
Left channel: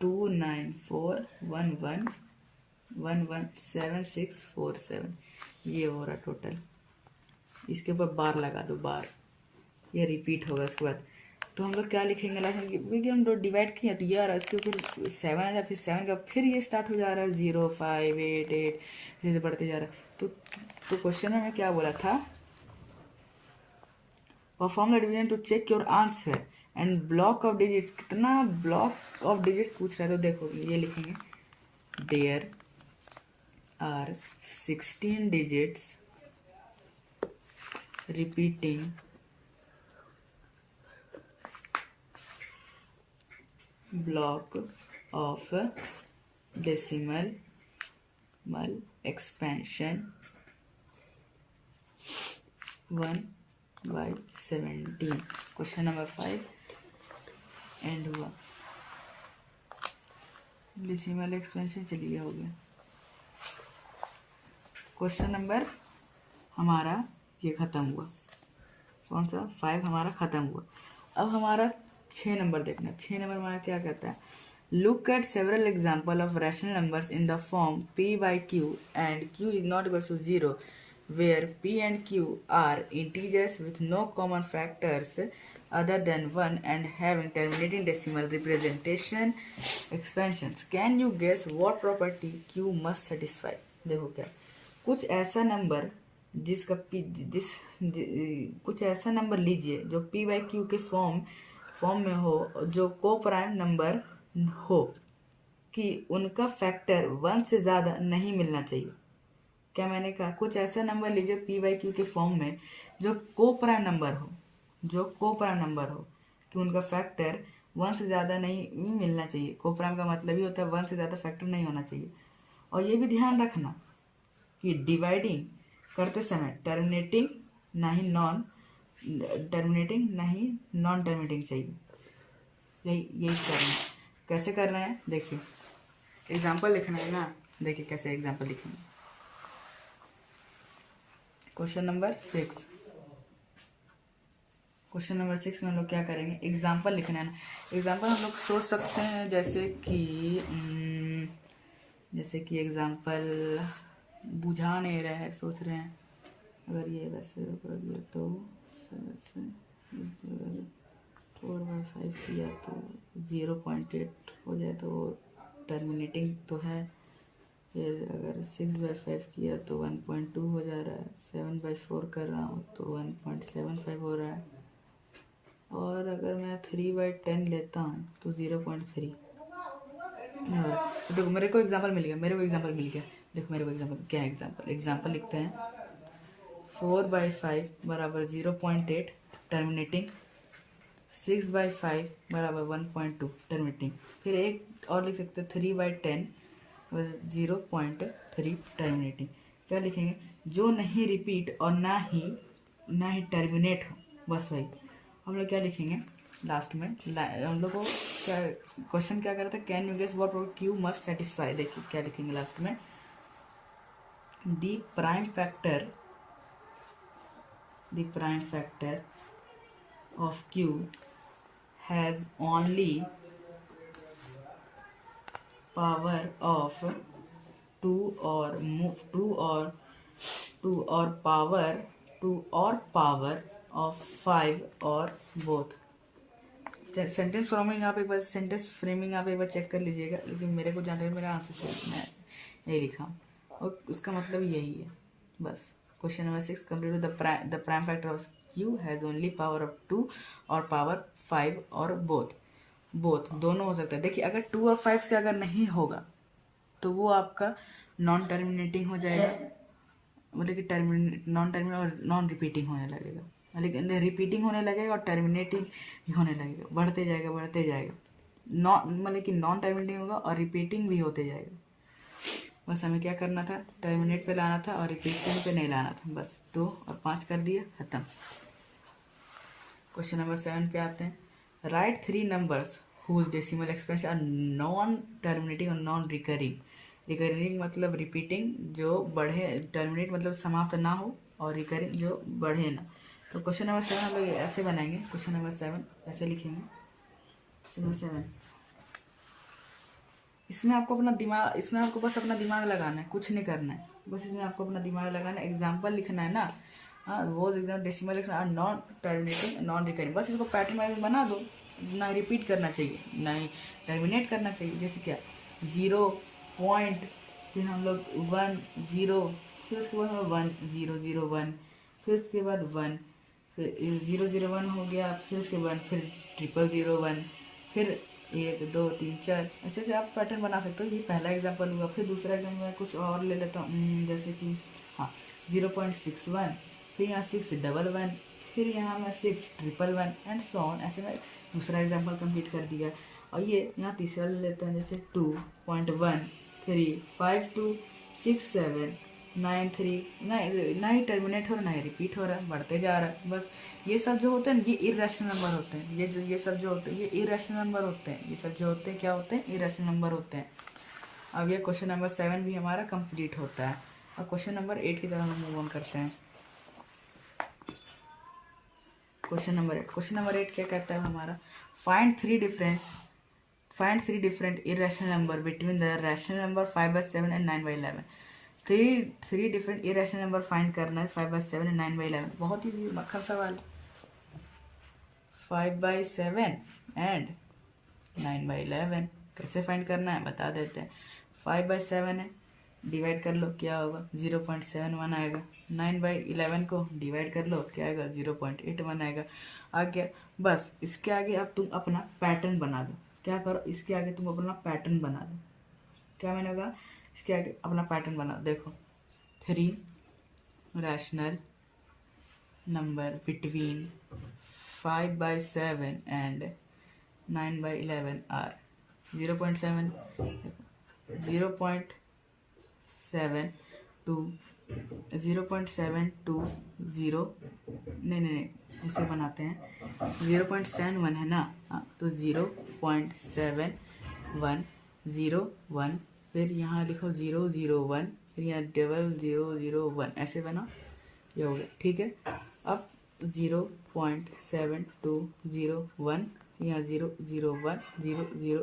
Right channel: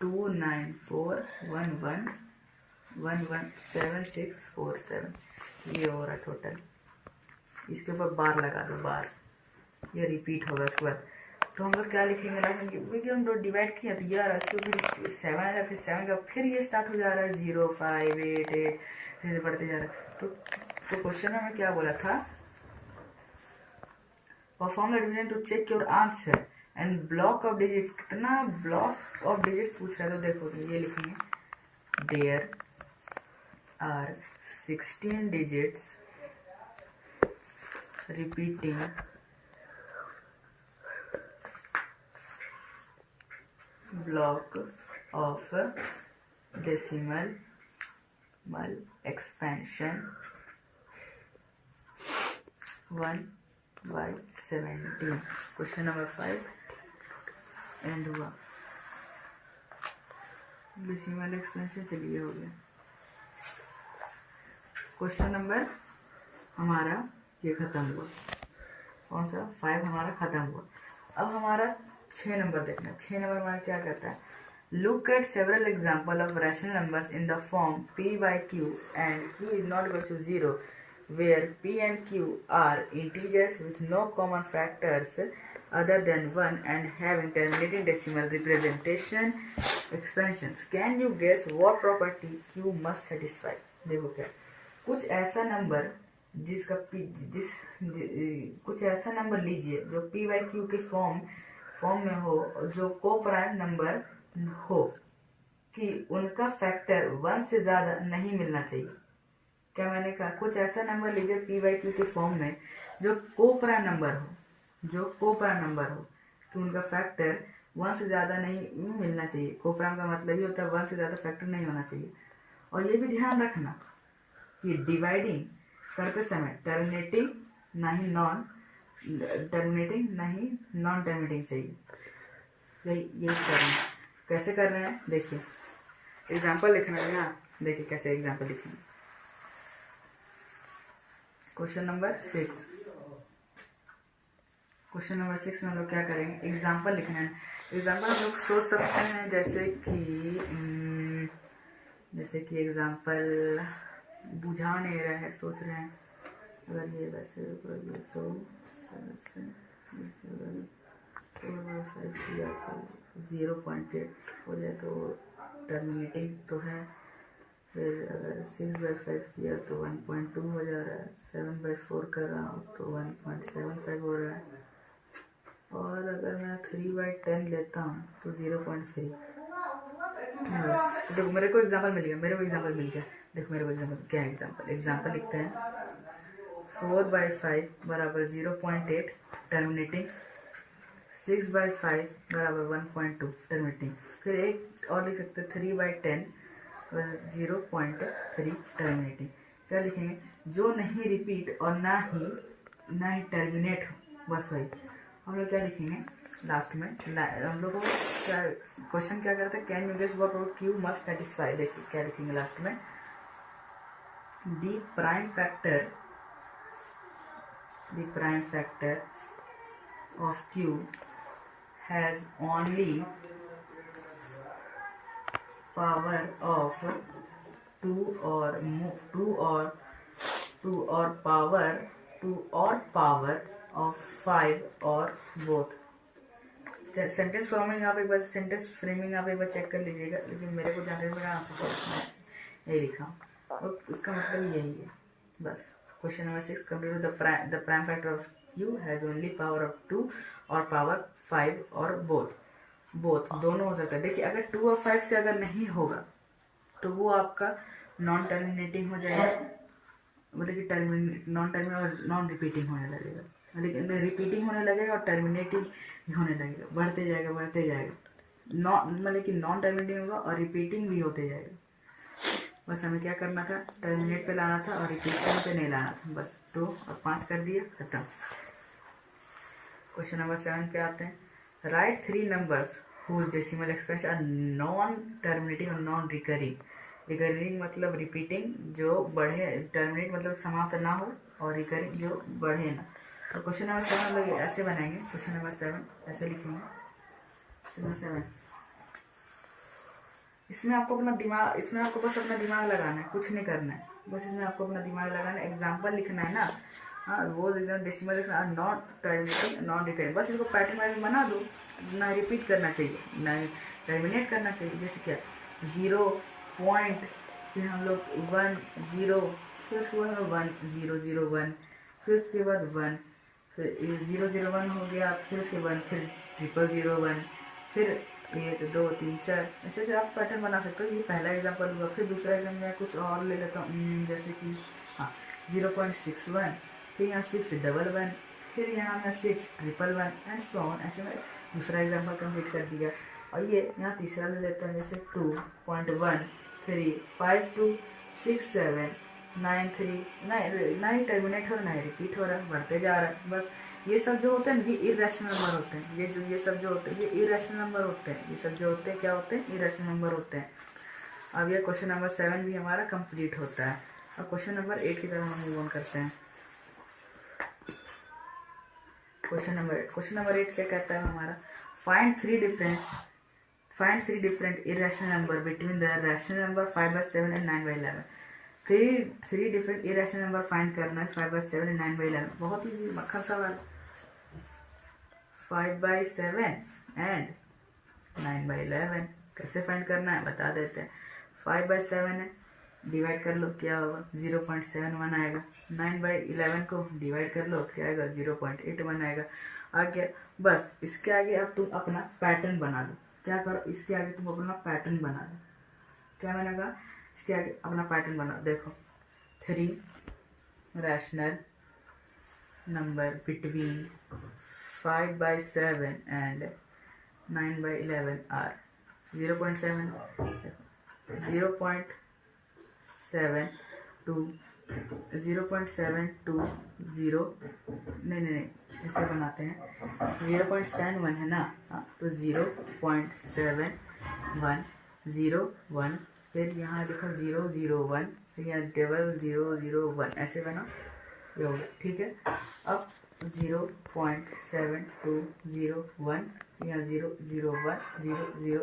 294111767, ये हो रहा टोटल। इसके ऊपर बार लगा दो, बार ये रिपीट होगा। उसके बाद तो हम लोग क्या लिखेंगे क्योंकि हम लोग डिवाइड किए तो यार इसके ऊपर 7 आ जाए, फिर 7 का फिर ये स्टार्ट हो जा रहा है 0588 जैसे बढ़ते जा रहा है। तो क्वेश्चन में क्या बोला था, perform the division to check your answer and block of digits, कितना ब्लॉक ऑफ डिजिट्स पूछ रहा है। तो देखो ये लिखेंगे there are 16 digits repeating block of decimal expansion 1/17। Question number 5 end हुआ। डेसिमल एक्सपेंशन चलिए हो गया। क्वेश्चन नंबर हमारा ये खत्म हुआ, कौन सा 5 हमारा खत्म हुआ। अब हमारा 6 नंबर देखना। 6 नंबर हमारा क्या कहता है, look at several example of rational numbers in the form p/q and q is not equal to 0 where p and q are integers with no common factors other than 1 and having terminating decimal representation expansions. Can you guess what property q must satisfy? देखो क्या, कुछ ऐसा number जिसका कुछ ऐसा number लीजिए जो p/q के फॉर्म में हो, जो को प्राइम नंबर हो कि उनका फैक्टर 1 से ज़्यादा नहीं मिलना चाहिए। क्या मैंने कहा, कुछ ऐसा नंबर लीजिए p/q के फॉर्म में जो को प्राइम नंबर हो कि उनका फैक्टर 1 से ज़्यादा नहीं मिलना चाहिए। को प्राइम का मतलब ही होता है 1 से ज़्यादा फैक्टर नहीं होना चाहिए। और ये भी ध्यान रखना कि डिवाइडिंग करते समय टर्मिनेटिंग नहीं नॉन टर्मिनेटिंग चाहिए। यही कर रहे हैं। कैसे कर रहे हैं देखिए, एग्जाम्पल लिखना है ना। देखिए कैसे एग्जाम्पल लिखेंगे। क्वेश्चन नंबर 6, क्वेश्चन नंबर 6 में हम लोग क्या करेंगे, एग्जाम्पल लिखना है। एग्जाम्पल हम लोग सोच सकते हैं जैसे कि एग्जाम्पल बुझा नहीं रहे हैं, सोच रहे हैं अगर ये वैसे करिए तो 4/5 किया तो 0.8 हो जाए तो टर्मिनेटिंग तो है। फिर अगर 6/5 किया तो 1.2 हो जा रहा है। 7/4 कर रहा हूँ तो 1.75 हो रहा है। और अगर मैं 3/10 लेता हूँ तो 0.3। देखो मेरे को एग्जाम्पल मिल गया, देखो मेरे को एग्जाम्पल क्या है, एग्जाम्पल लिखते हैं 4/5 बराबर 0.8 टर्मिनेटिंग, 6/5 बराबर 1.2 टर्मिनेटिंग। फिर एक और लिख सकते हैं 3/10 0.3 टर्मिनेटिंग। क्या लिखेंगे, जो नहीं रिपीट और ना ही टर्मिनेट हो, बस वही। हम लोग क्या लिखेंगे लास्ट में, हम लोग को क्या क्वेश्चन क्या करता है, can you guess what Q must satisfy. देखिए क्या लिखेंगे लास्ट में, the prime factor of Q has only power of 2 or power of 5 or both। Sentence framing आप एक बार चेक कर लीजिएगा, लेकिन मेरे को जानने में मेरा आंसर मैं यही लिखा हूँ और उसका मतलब यही है बस। Question number 6 complete. The prime factor of Q has only power of 2 और पावर 5 और बोथ दोनों हो सकता है। देखिए अगर 2 और 5 से अगर नहीं होगा तो वो आपका नॉन टर्मिनेटिंग हो जाएगा, मतलब कि नॉन टर्मिनेट और नॉन रिपीटिंग होने लगेगा, लेकिन रिपीटिंग होने लगेगा और टर्मिनेटिंग भी होने लगेगा, बढ़ते जाएगा मतलब कि नॉन टर्मिनेटिंग होगा और रिपीटिंग भी होते जाएगा। बस हमें क्या करना था, टर्मिनेट पे लाना था और रिपीटिंग पे नहीं लाना था, बस 2 और 5 कर दिया, खत्म। क्वेश्चन नंबर 7 पे आते हैं, right 3 numbers whose decimal expansion are non terminating और नॉन रिकरिंग मतलब रिपीटिंग जो बढ़े, टर्मिनेट मतलब समाप्त ना हो, और रिकरिंग जो बढ़े ना। तो क्वेश्चन नंबर 7 हम लोग ऐसे बनाएंगे, क्वेश्चन नंबर 7 ऐसे लिखेंगे। क्वेश्चन नंबर 7 इसमें आपको बस अपना दिमाग लगाना है, कुछ नहीं करना है, बस इसमें आपको अपना दिमाग लगाना है, एग्जाम्पल लिखना है ना। हाँ, वो एग्जाम डेसिमल लिखना, नॉन टर्मिनेटिंग नॉन रिकरिंग, बस इसको पैटर्न वाइज बना दो, ना रिपीट करना चाहिए ना ही टर्मिनेट करना चाहिए। जैसे क्या 0 पॉइंट, फिर हम लोग 1 0, फिर उसके बाद 1 0 0 1, फिर उसके बाद 1, फिर 0 0 1 हो गया, फिर से 1, फिर 0 0 1, फिर 1 2 3 4, ऐसे से आप पैटर्न बना सकते हो। ये पहला एग्जाम्पल हुआ। फिर दूसरा एग्जाम्पल मैं कुछ और ले लेता हूँ, जैसे कि हाँ 0.61, फिर यहाँ 611, फिर यहाँ मैं 611 एंड सो ऑन। ऐसे मैं दूसरा एग्जाम्पल कंप्लीट कर दिया। और ये यहाँ तीसरा ले लेते हैं, जैसे 2.13526793, ना ही टर्मिनेट हो रहा ना ही रिपीट हो रहा है, बढ़ते जा रहा है। बस ये सब जो होते हैं ये इरेशनल नंबर होते हैं, ये सब जो होते हैं ये इरेशनल नंबर होते हैं, ये सब जो होते हैं क्या होते हैं, इरेशनल नंबर होते हैं। अब ये क्वेश्चन नंबर 7 भी हमारा कंप्लीट होता है। और क्वेश्चन नंबर 8 की तरफ हम मूव ऑन करते हैं। क्वेश्चन नंबर 8 क्या कहता है हमारा, find three different irrational number between the rational number 5/7 and 9/11। Three different irrational number find करना है 5/7 एंड 9/11। बहुत ही मक्खन सवाल। 5/7 एंड 9/11 कैसे फाइंड करना है बता देते हैं। 5/7 है, डिवाइड कर लो क्या होगा 0.71 आएगा। 9/11 को डिवाइड कर लो क्या आएगा 0.81 आएगा। आगे बस इसके आगे अब तुम अपना पैटर्न बना दो। क्या करो, इसके आगे तुम अपना पैटर्न बना दो। क्या मैंने कहा, इसके आगे अपना पैटर्न बना। देखो 3 rational number between 5/7 and 9/11 are 0.7, 0.720 नहीं ऐसे बनाते हैं। 0.71 है ना, हाँ तो 0.7101, फिर यहाँ लिखो 001, फिर यहाँ 0001, ऐसे बना, ये हो गया। ठीक है, अब 0.7201 यहाँ 001 ये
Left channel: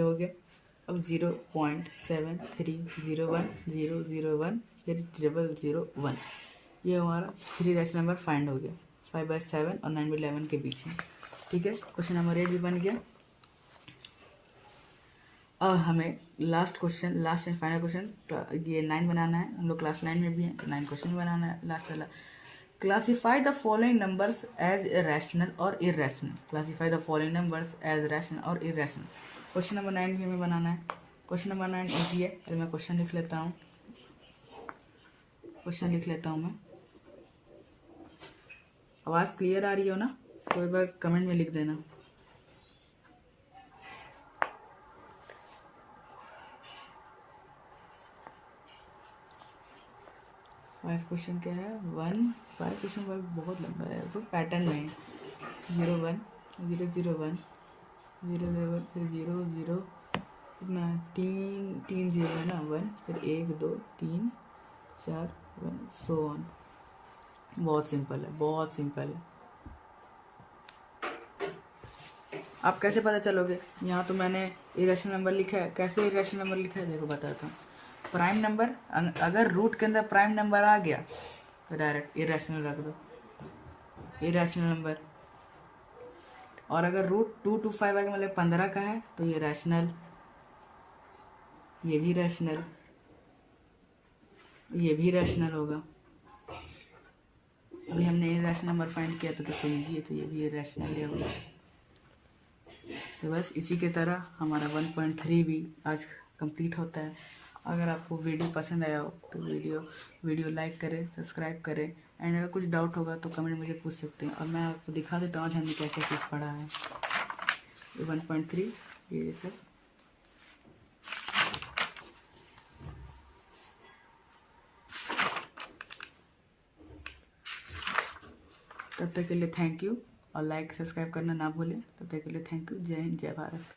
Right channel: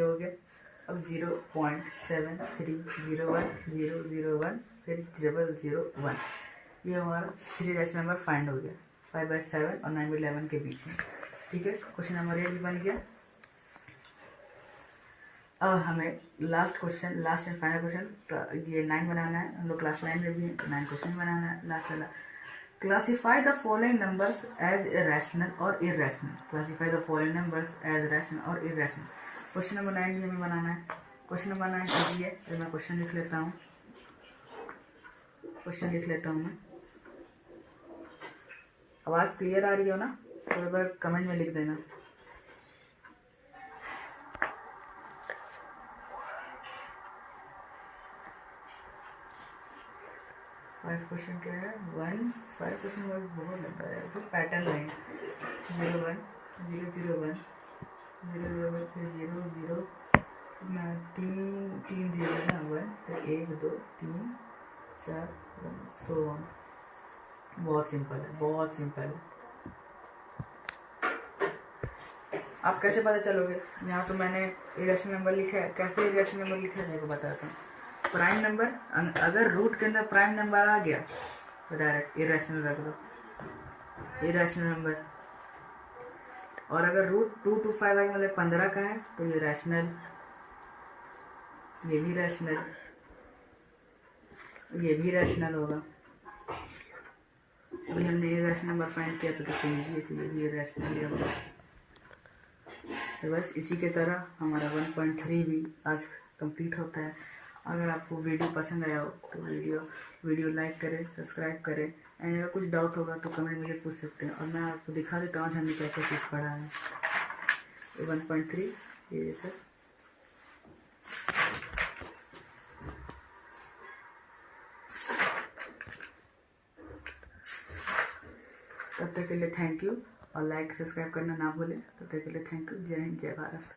हो गया। अब 0.7301 फिर 001 ये हमारा 3 रैशनल नंबर फाइंड हो गया 5/7 और 9/11 के बीच में। ठीक है, क्वेश्चन नंबर 8 भी बन गया। अब हमें लास्ट एंड फाइनल क्वेश्चन ये 9 बनाना है। हम लोग क्लास 9 में भी हैं, 9 क्वेश्चन बनाना है। लास्ट वाला, classify the following numbers as rational और irrational. Classify the following numbers as rational और इरेशनल। क्वेश्चन नंबर 9 भी हमें बनाना है। क्वेश्चन नंबर 9 इजी है, तो मैं क्वेश्चन लिख लेता हूँ। मैं। आवाज़ क्लियर आ रही हो ना, तो एक बार कमेंट में लिख देना। क्वेश्चन क्या है? 5 क्वेश्चन बहुत लंबा है, तो पैटर्न में 0 1 0 0 1 0 0 फिर 0 0 ना 3 0 ना 1 फिर 1 2 3 4 1 सो ऑन। बहुत सिंपल है, बहुत सिंपल है। आप कैसे पता चलोगे? यहाँ तो मैंने इरेशनल नंबर लिखा है। कैसे इरेशनल नंबर लिखा है देखो बताता हूँ। प्राइम नंबर, अगर रूट के अंदर प्राइम नंबर आ गया तो डायरेक्ट इरेशनल रख दो, इरेशनल नंबर। और अगर रूट 2 to 5 आगे मतलब 15 का है तो ये रैशनल, ये भी रैशनल, ये भी रैशनल होगा। अभी हमने इरेशनल नंबर फाइंड किया तो ईजी है, तो ये भी रैशनल ही होगा। तो बस इसी के तरह हमारा 1.3 भी आज कंप्लीट होता है। अगर आपको वीडियो पसंद आया हो तो वीडियो लाइक करें, सब्सक्राइब करें, एंड अगर कुछ डाउट होगा तो कमेंट मुझे पूछ सकते हैं और मैं आपको दिखा देता हूँ हमने क्या क्या चीज़ पढ़ा है। 1.3 ये सर। तब तक के लिए थैंक यू, और लाइक सब्सक्राइब करना ना भूलें। तब तक के लिए थैंक यू। जय हिंद, जय भारत।